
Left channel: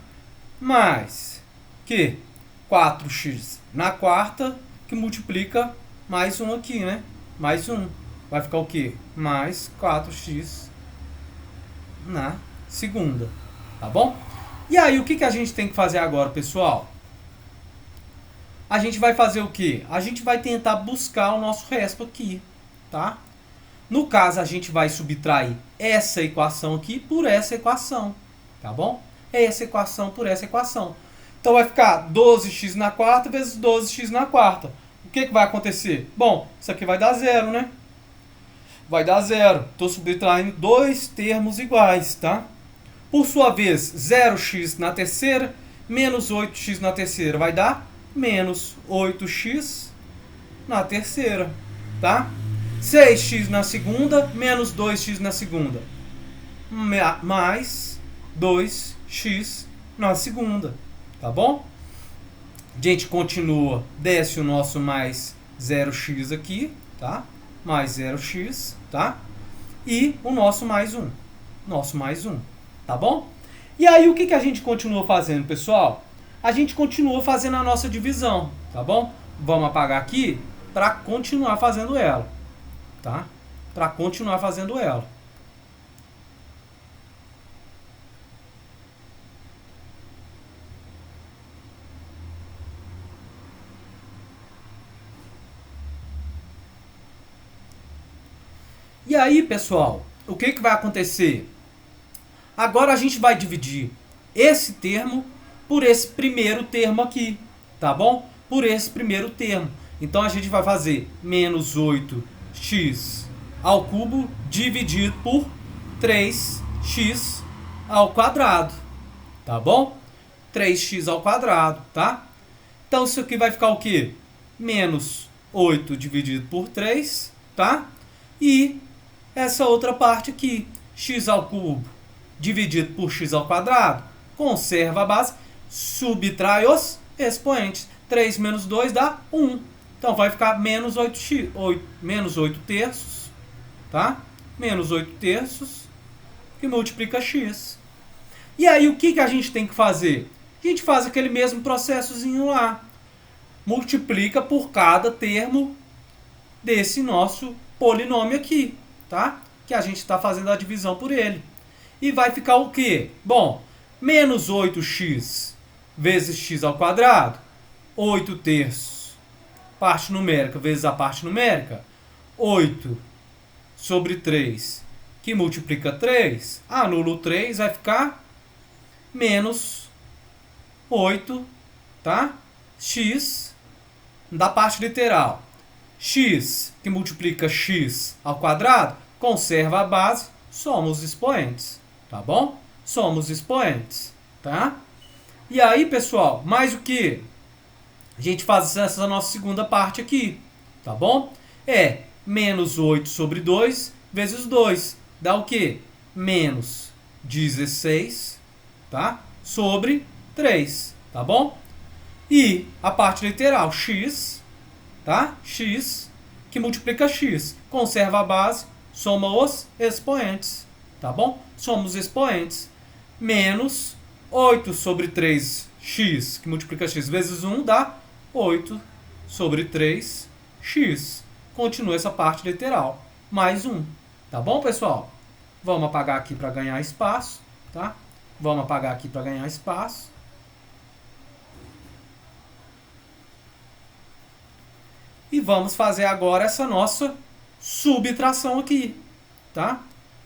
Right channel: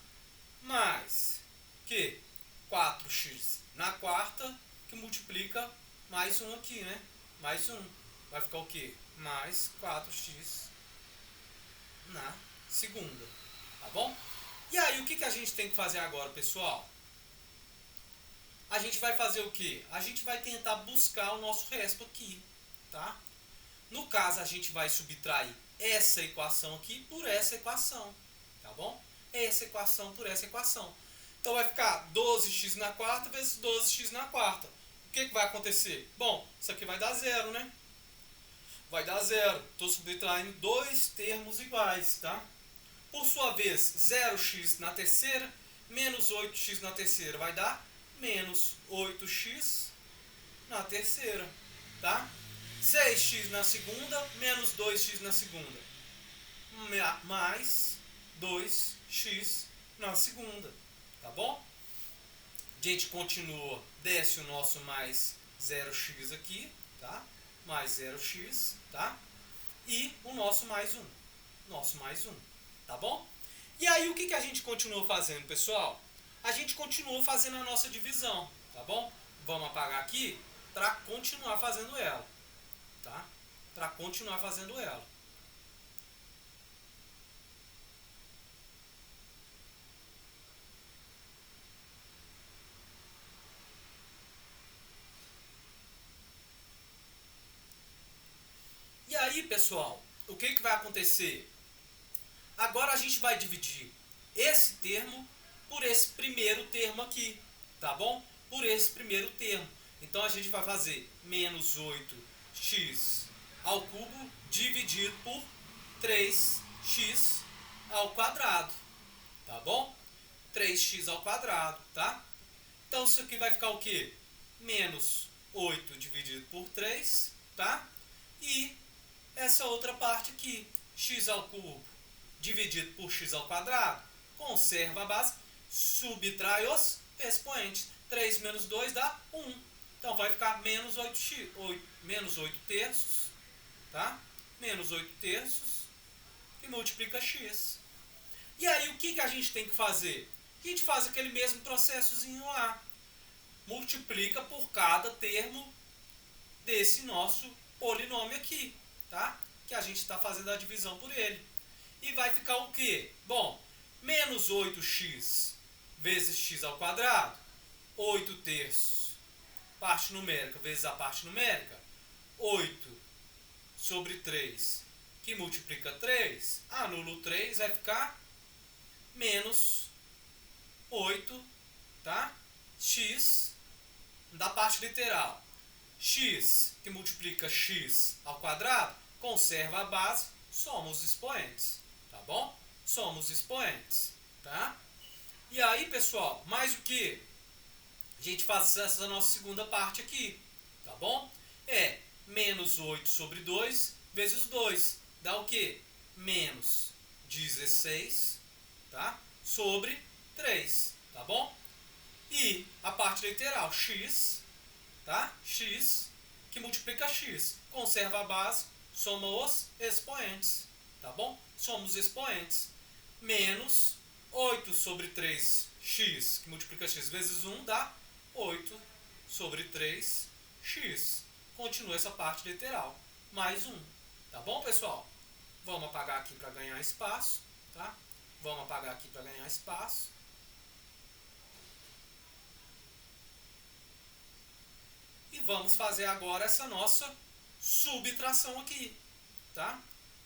Mais que 4x na quarta, que multiplica mais 1 aqui, né? Mais 1. Vai ficar o quê? Mais 4x na segunda, tá bom? E aí, o que a gente tem que fazer agora, pessoal? A gente vai fazer o quê? A gente vai tentar buscar o nosso resto aqui, tá? No caso, a gente vai subtrair essa equação aqui por essa equação, tá bom? Essa equação por essa equação. Então, vai ficar 12x na quarta vezes 12x na quarta. O que vai acontecer? Bom, isso aqui vai dar zero, né? Vai dar zero. Estou subtraindo dois termos iguais, tá? Por sua vez, 0x na terceira menos 8x na terceira vai dar menos 8x na terceira, tá? 6x na segunda menos 2x na segunda, mais 2x na segunda, tá bom? A gente continua, desce o nosso mais 0x aqui, tá? Mais 0x, tá? E o nosso mais 1. Nosso mais 1, tá bom? E aí, o que a gente continua fazendo, pessoal? A gente continua fazendo a nossa divisão, tá bom? Vamos apagar aqui para continuar fazendo ela, tá? Para continuar fazendo ela. E aí, pessoal, o que vai acontecer? Agora a gente vai dividir esse termo por esse primeiro termo aqui, tá bom? Por esse primeiro termo. Então a gente vai fazer menos 8x ao cubo dividido por 3x ao quadrado, tá bom? 3x ao quadrado, tá? Então isso aqui vai ficar o quê? Menos 8 dividido por 3, tá? E essa outra parte aqui, x ao cubo dividido por x ao quadrado, conserva a base, subtrai os expoentes. 3 menos 2 dá 1. Então vai ficar menos 8x, menos 8 terços, tá? Menos 8 terços, que multiplica x. E aí o que a gente tem que fazer? A gente faz aquele mesmo processozinho lá. Multiplica por cada termo desse nosso polinômio aqui, tá? Que a gente está fazendo a divisão por ele. E vai ficar o quê? Bom, menos 8x vezes x ao quadrado, 8 terços, parte numérica vezes a parte numérica, 8 sobre 3, que multiplica 3, anula o 3, vai ficar menos 8, tá? X da parte literal. X, que multiplica x ao quadrado, conserva a base, somos expoentes, tá bom? Somos expoentes, tá? E aí, pessoal, mais o que? A gente faz essa nossa segunda parte aqui, tá bom? É menos 8 sobre 2 vezes 2. Dá o quê? Menos 16, tá? Sobre 3, tá bom? E a parte literal, x, tá? X, que multiplica x. Conserva a base, soma os expoentes, tá bom? Somos expoentes. Menos 8 sobre 3x, que multiplica x, vezes 1, dá 8 sobre 3x. Continua essa parte literal. Mais 1. Tá bom, pessoal? Vamos apagar aqui para ganhar espaço, tá? Vamos apagar aqui para ganhar espaço. E vamos fazer agora essa nossa subtração aqui, tá?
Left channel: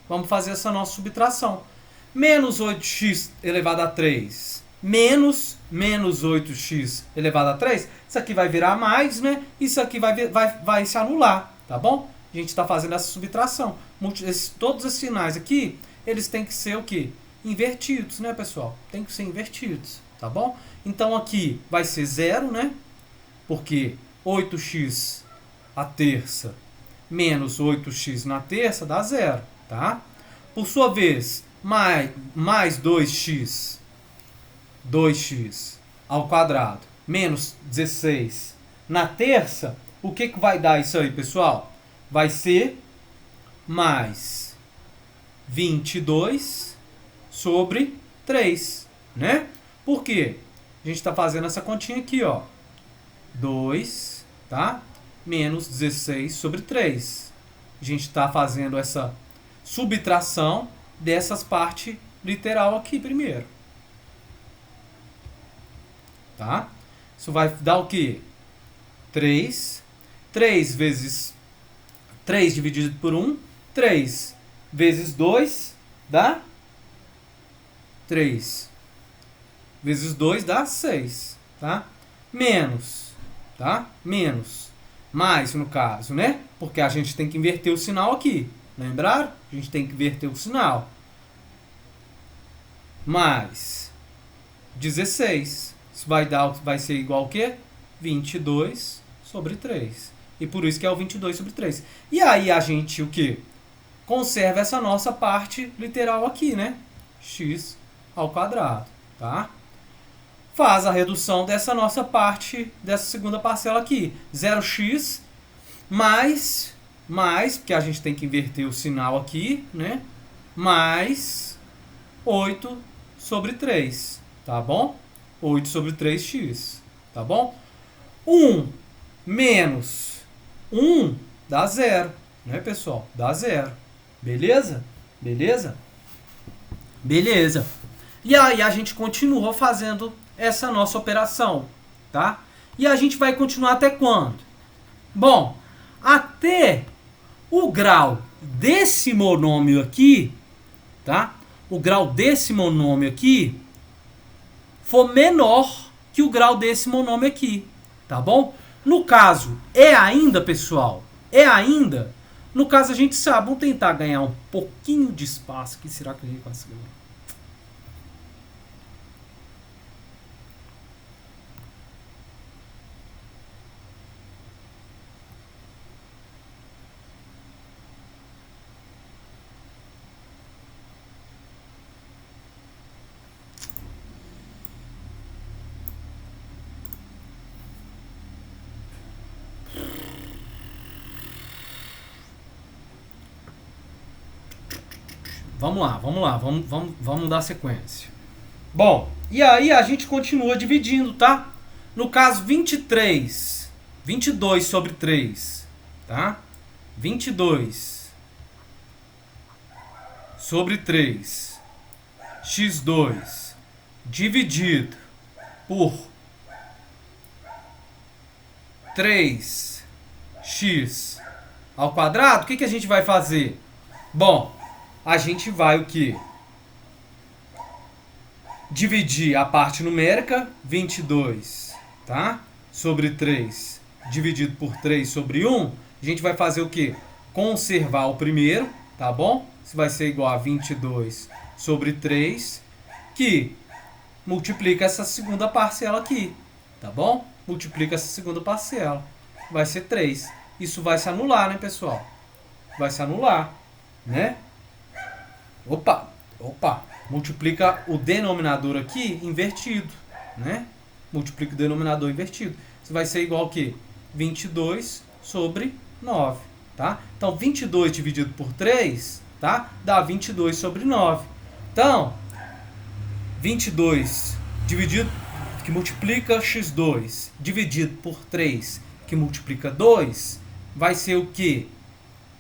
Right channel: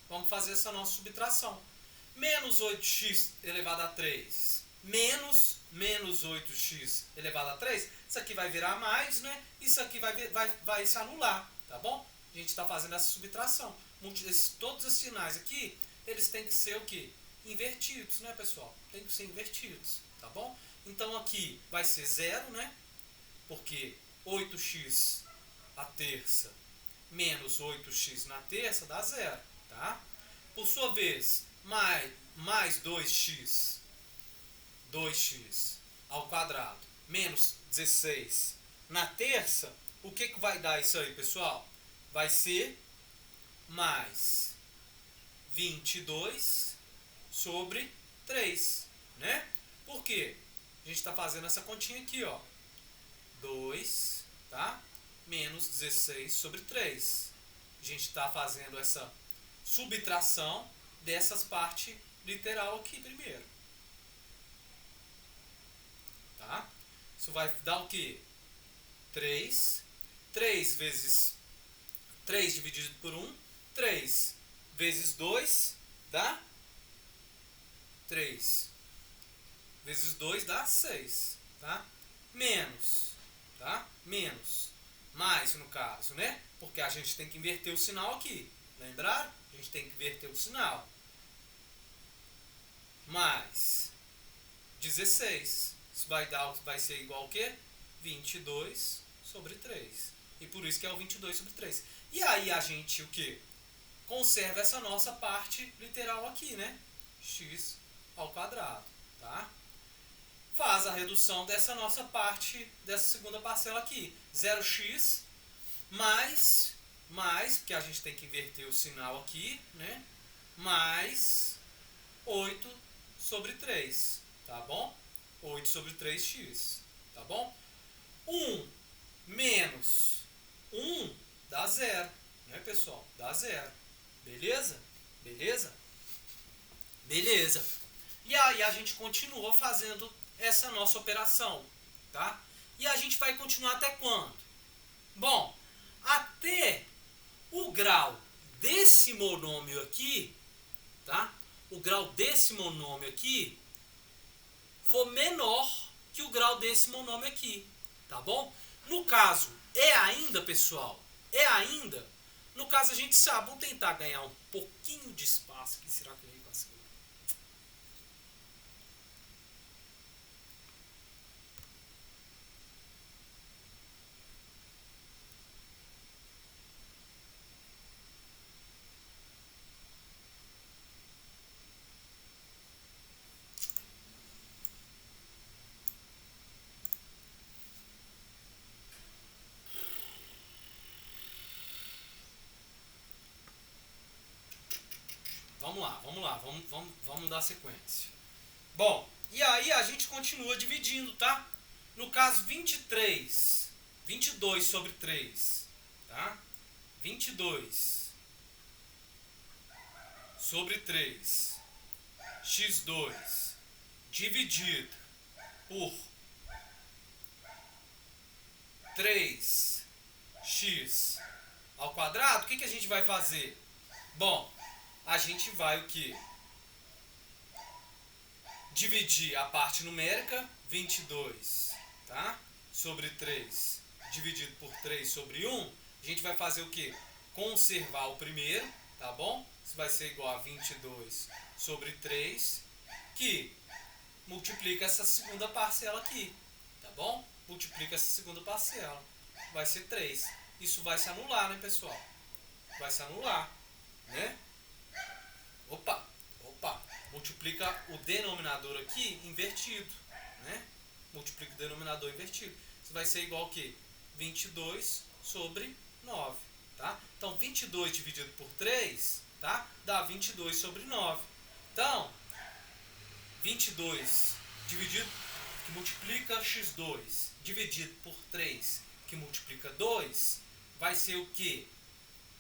Vamos fazer essa nossa subtração. Menos 8x elevado a 3 menos 8x elevado a 3, isso aqui vai virar mais, né? Isso aqui vai se anular, tá bom? A gente está fazendo essa subtração. Todos esses sinais aqui, eles têm que ser o quê? Invertidos, né, pessoal? Tem que ser invertidos, tá bom? Então aqui vai ser 0, né? Porque 8x a terça menos 8x na terça dá 0, tá? Por sua vez, mais 2x ao quadrado menos 16 na terça, o que vai dar isso aí, pessoal? Vai ser mais 22 sobre 3, né? Por quê? A gente está fazendo essa continha aqui, ó. 2, tá? Menos 16 sobre 3. A gente está fazendo essa subtração dessas partes literal aqui primeiro. Tá? Isso vai dar o quê? 3. 3 vezes 3 dividido por 1. 3 vezes 2 dá 3. Vezes 2 dá 6. Tá? Menos. Tá? Menos. Mais, no caso, né? Porque a gente tem que inverter o sinal aqui. Lembraram? A gente tem que inverter o sinal. Mais 16. Isso vai ser igual ao quê? 22 sobre 3. E por isso que é o 22 sobre 3. E aí a gente, o quê? Conserva essa nossa parte literal aqui, né? X ao quadrado, tá? Faz a redução dessa nossa parte, dessa segunda parcela aqui. 0x mais, porque a gente tem que inverter o sinal aqui, né? Mais 8 sobre 3, tá bom? 8 sobre 3x, tá bom? 1 menos 1 dá 0, né, pessoal? Dá 0. Beleza? Beleza? Beleza. E aí a gente continua fazendo essa nossa operação, tá? E a gente vai continuar até quando? Bom, até o grau desse monômio aqui, tá? O grau desse monômio aqui for menor que o grau desse monômio aqui, tá bom? No caso, é ainda, pessoal, é ainda. No caso, a gente sabe, vamos tentar ganhar um pouquinho de espaço aqui. Será que a gente conseguiu? Vamos dar sequência. Bom, e aí a gente continua dividindo, tá? No caso, 22 sobre 3, tá? 22 sobre 3, x2, dividido por 3x ao quadrado, o que a gente vai fazer? Bom, a gente vai o quê? Dividir a parte numérica, 22, tá? Sobre 3, dividido por 3 sobre 1. A gente vai fazer o quê? Conservar o primeiro, tá bom? Isso vai ser igual a 22 sobre 3, que multiplica essa segunda parcela aqui, tá bom? Multiplica essa segunda parcela. Vai ser 3. Isso vai se anular, né, pessoal? Vai se anular, né? Opa! Multiplica o denominador aqui invertido, né? Multiplica o denominador invertido. Isso vai ser igual ao quê? 22 sobre 9, tá? Então, 22 dividido por 3, tá? Dá 22 sobre 9. Então, 22 dividido, que multiplica x2, dividido por 3, que multiplica 2, vai ser o quê?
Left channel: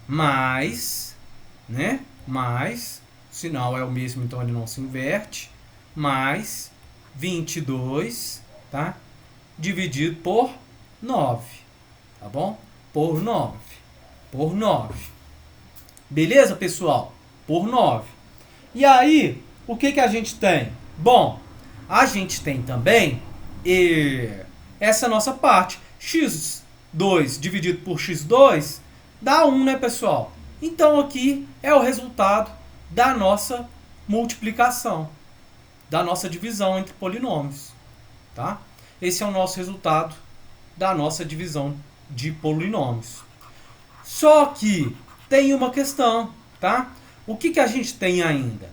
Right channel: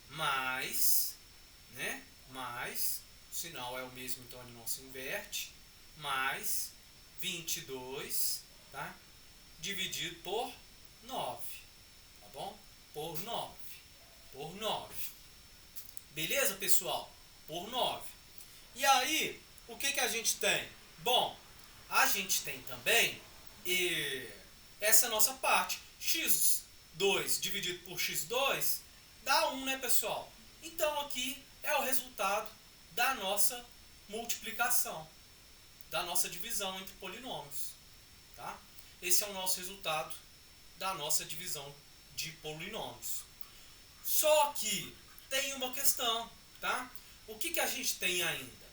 Mais, né? Mais, o sinal é o mesmo, então ele não se inverte, mais 22, tá? Dividido por 9, tá bom? Por 9. Beleza, pessoal? Por 9. E aí, o que a gente tem? Bom, a gente tem também essa nossa parte. x2 dividido por x2 dá 1, né, pessoal? Então, aqui é o resultado da nossa multiplicação, da nossa divisão entre polinômios, tá? Esse é o nosso resultado da nossa divisão de polinômios. Só que tem uma questão, tá? O que a gente tem ainda?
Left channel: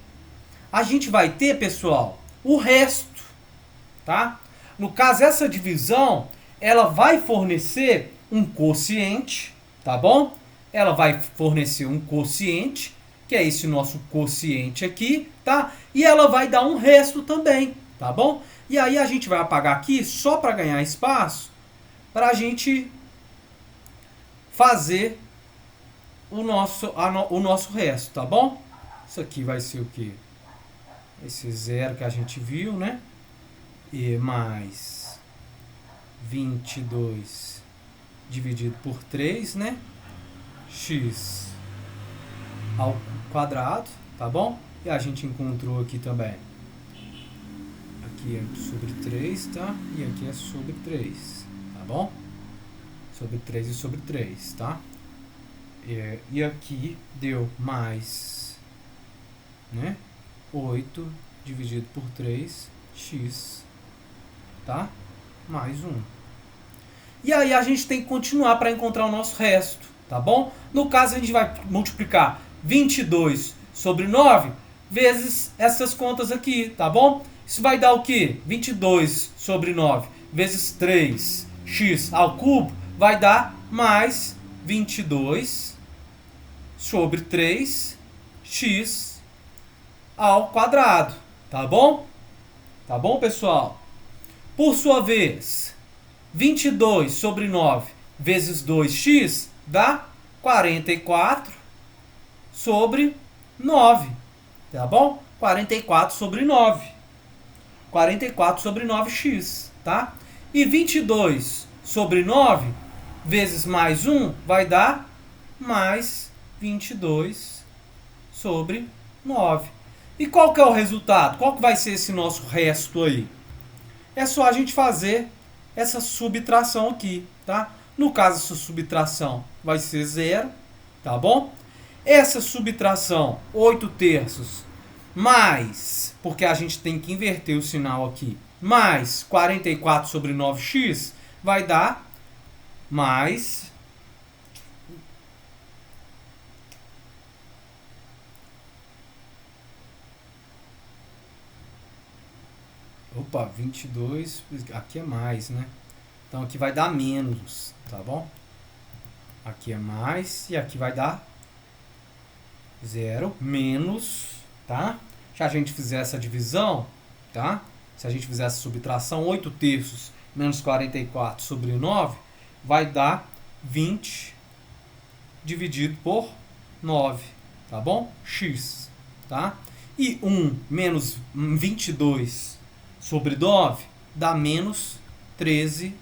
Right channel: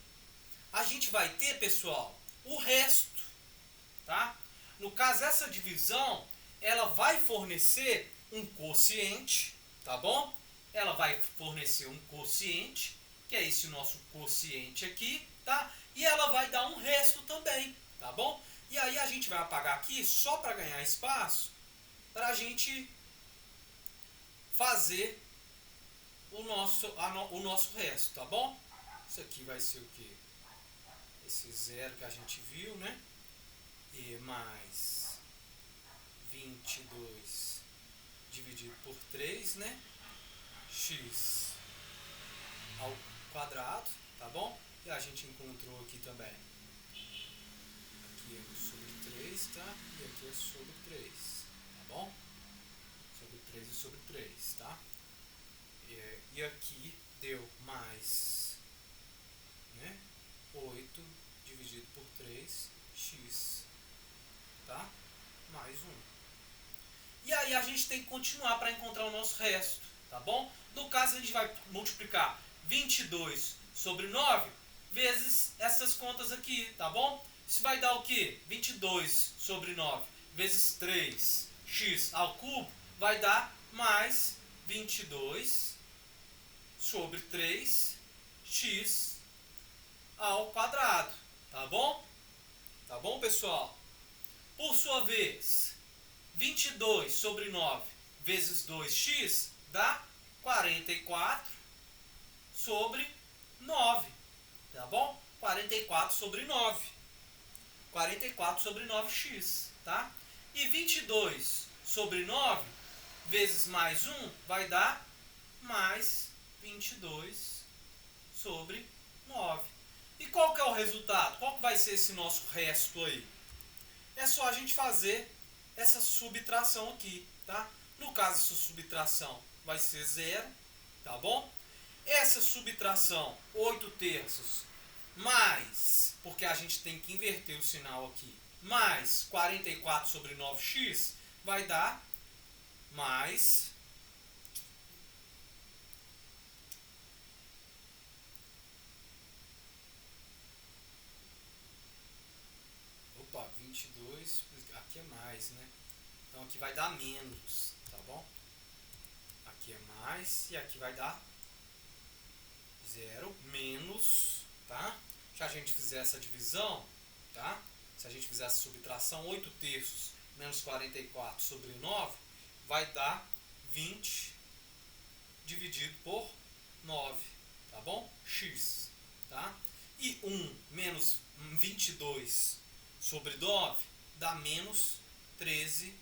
A gente vai ter, pessoal, o resto, tá? No caso, essa divisão, ela vai fornecer um quociente, tá bom? Ela vai fornecer um quociente, que é esse nosso quociente aqui, tá? E ela vai dar um resto também, tá bom? E aí a gente vai apagar aqui só para ganhar espaço, para a gente fazer o nosso resto, tá bom? Isso aqui vai ser o quê? esse zero que a gente viu, né? E mais 22 dividido por 3, né? X ao quadrado, tá bom? E a gente encontrou aqui também. Aqui é sobre 3, tá? E aqui é sobre 3, tá bom? Sobre 3 e sobre 3, tá? E aqui deu mais, né? 8 dividido por 3, x, tá? Mais 1. E aí a gente tem que continuar para encontrar o nosso resto, tá bom? No caso, a gente vai multiplicar 22 sobre 9 vezes essas contas aqui, tá bom? Isso vai dar o quê? 22 sobre 9 vezes 3x ao cubo vai dar mais 22 sobre 3x ao quadrado, tá bom? Tá bom, pessoal? Por sua vez, 22 sobre 9 vezes 2x dá 44 sobre 9, tá bom? 44 sobre 9. 44 sobre 9x, tá? E 22 sobre 9 vezes mais 1 vai dar mais 22 sobre 9. E qual que é o resultado? Qual que vai ser esse nosso resto aí? É só a gente fazer essa subtração aqui, tá? No caso, essa subtração vai ser 0, tá bom? Essa subtração, 8 terços, mais, porque a gente tem que inverter o sinal aqui, mais 44 sobre 9x, vai dar mais 22, aqui é mais, né? Então aqui vai dar menos, tá bom? Aqui é mais e aqui vai dar 0 menos, tá? Se a gente fizer essa divisão, tá? Se a gente fizer essa subtração, 8 terços menos 44 sobre 9 vai dar 20 dividido por 9, tá bom? X, tá? E 1 menos 22 sobre 9 dá menos 13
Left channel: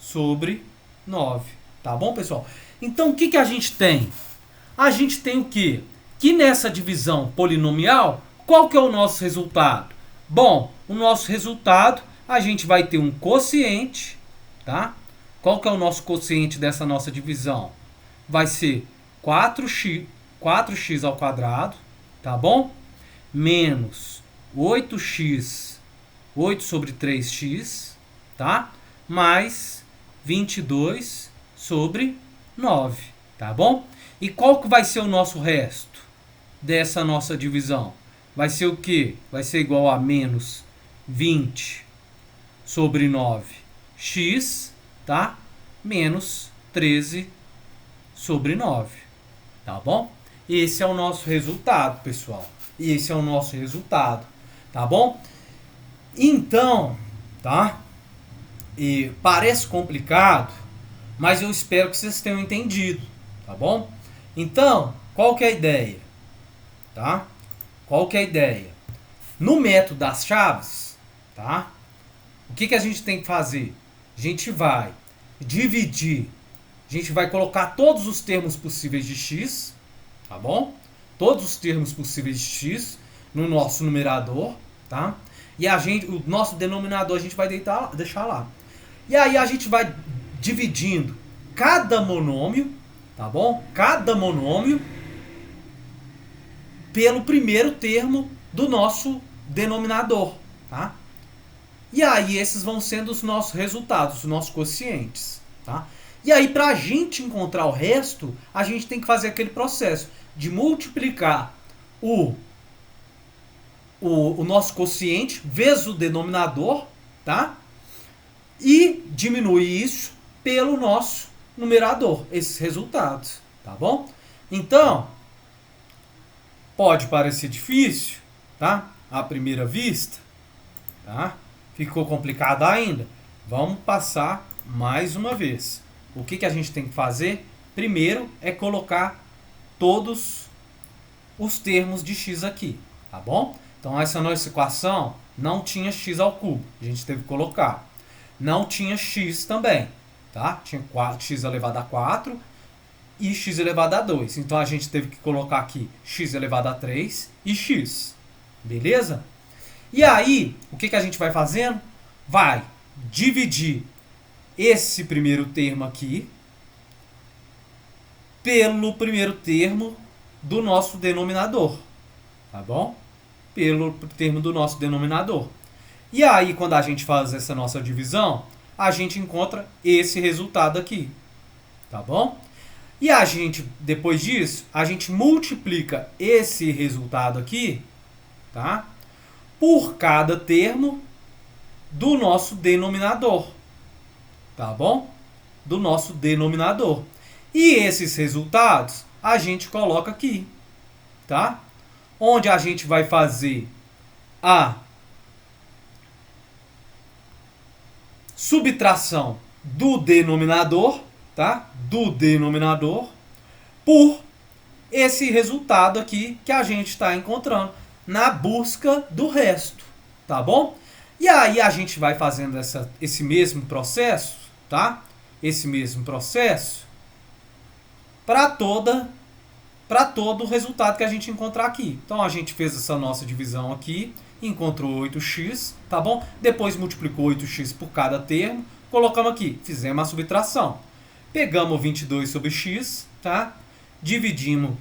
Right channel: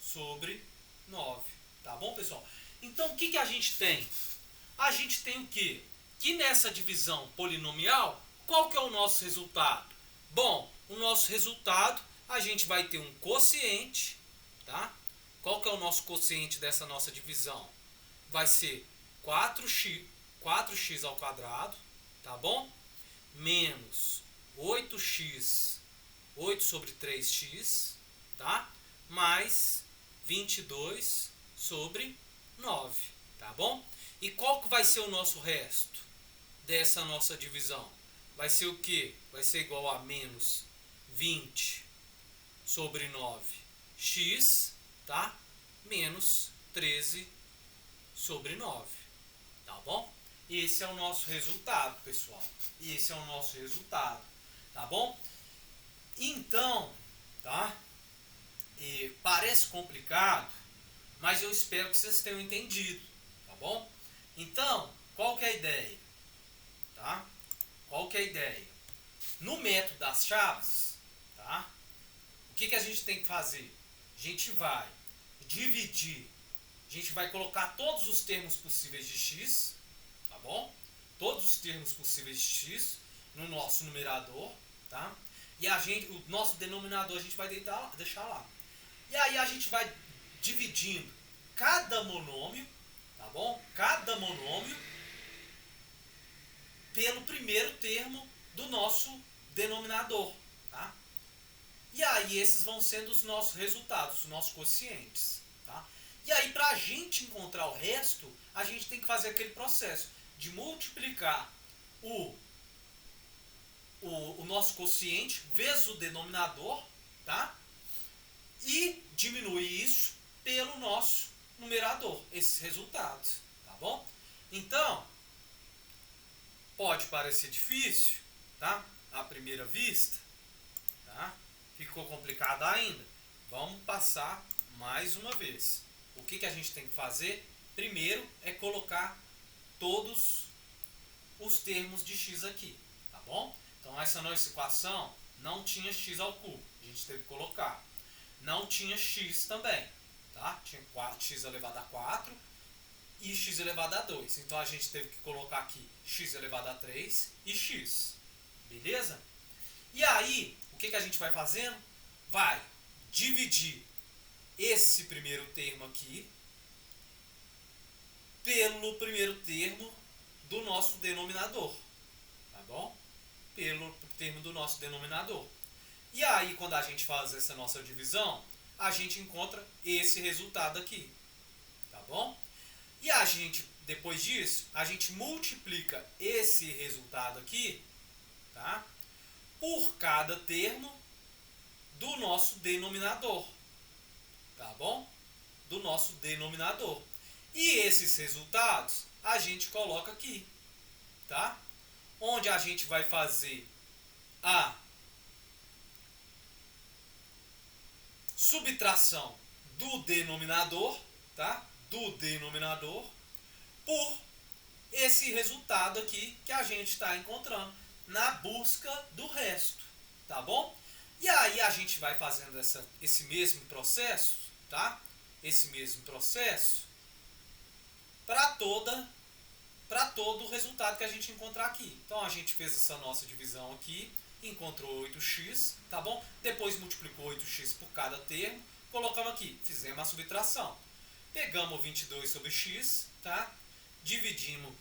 sobre 9, tá bom, pessoal? Então, o que a gente tem? A gente tem o quê? Que nessa divisão polinomial, qual que é o nosso resultado? Bom, o nosso resultado, a gente vai ter um quociente, tá? Qual que é o nosso quociente dessa nossa divisão? Vai ser 4x ao quadrado, tá bom? Menos 8x, 8 sobre 3x, tá? Mais 22 sobre 9, tá bom? E qual que vai ser o nosso resto dessa nossa divisão? Vai ser o quê? Vai ser igual a menos 20 sobre 9x, tá? Menos 13 sobre 9, tá bom? Esse é o nosso resultado, pessoal. Esse é o nosso resultado, tá bom? Então, tá? E parece complicado, mas eu espero que vocês tenham entendido, tá bom? Então, qual que é a ideia? Tá? Qual que é a ideia? No método das chaves, tá? O que a gente tem que fazer? A gente vai dividir, a gente vai colocar todos os termos possíveis de x, tá bom? Todos os termos possíveis de x no nosso numerador, tá? E o nosso denominador a gente vai deixar lá. E aí a gente vai dividindo cada monômio, tá bom? Cada monômio pelo primeiro termo do nosso denominador, tá? E aí esses vão sendo os nossos resultados, os nossos quocientes, tá? E aí para a gente encontrar o resto, a gente tem que fazer aquele processo de multiplicar o nosso quociente vezes o denominador, tá? E diminuir isso pelo nosso numerador, esses resultados, tá bom? Então, pode parecer difícil, tá? À primeira vista, tá? Ficou complicado ainda? Vamos passar mais uma vez. O que a gente tem que fazer? Primeiro é colocar todos os termos de x aqui, tá bom? Então essa nossa equação não tinha x ao cubo, a gente teve que colocar. Não tinha x também, tá? Tinha x elevado a 4 e x elevado a 2. Então a gente teve que colocar aqui x elevado a 3 e x. Beleza? E aí, o que a gente vai fazendo? Vai dividir esse primeiro termo aqui pelo primeiro termo do nosso denominador. Tá bom? Pelo termo do nosso denominador. E aí, quando a gente faz essa nossa divisão, a gente encontra esse resultado aqui. Tá bom? E a gente, depois disso, a gente multiplica esse resultado aqui, tá? Por cada termo do nosso denominador. Tá bom? Do nosso denominador. E esses resultados a gente coloca aqui, tá? Onde a gente vai fazer a subtração do denominador, tá? Do denominador por esse resultado aqui que a gente está encontrando na busca do resto, tá bom? E aí a gente vai fazendo esse mesmo processo, tá? Esse mesmo processo para todo o resultado que a gente encontrar aqui. Então a gente fez essa nossa divisão aqui, encontrou 8x, tá bom? Depois multiplicou 8x por cada termo, colocamos aqui, fizemos a subtração. Pegamos 22 sobre x, tá? Dividimos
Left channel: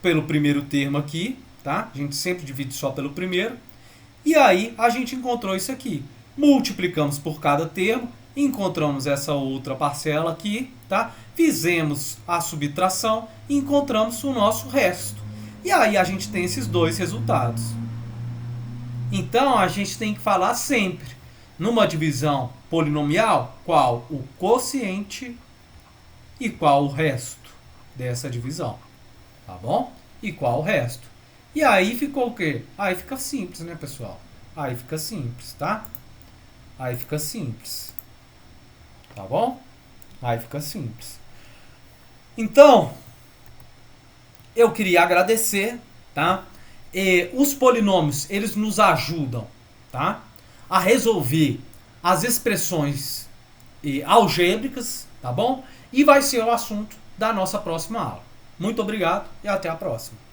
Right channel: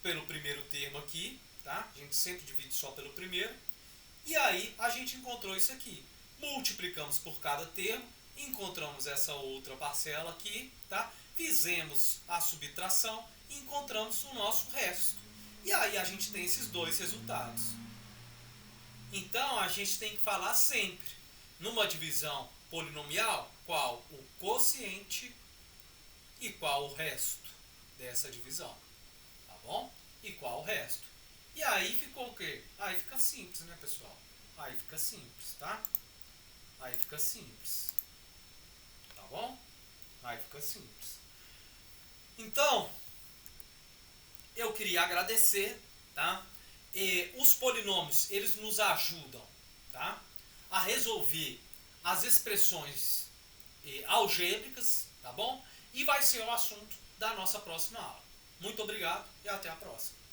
pelo primeiro termo aqui, tá? A gente sempre divide só pelo primeiro. E aí a gente encontrou isso aqui. Multiplicamos por cada termo, encontramos essa outra parcela aqui, tá? Fizemos a subtração e encontramos o nosso resto. E aí a gente tem esses dois resultados. Então a gente tem que falar sempre, numa divisão polinomial, qual o quociente e qual o resto dessa divisão. Tá bom? E qual o resto. E aí ficou o quê? Aí fica simples, né, pessoal? Aí fica simples, tá? Aí fica simples. Tá bom? Aí fica simples. Então, eu queria agradecer, tá? Os polinômios, eles nos ajudam, tá? A resolver as expressões algébricas, tá bom? E vai ser o assunto da nossa próxima aula. Muito obrigado e até a próxima.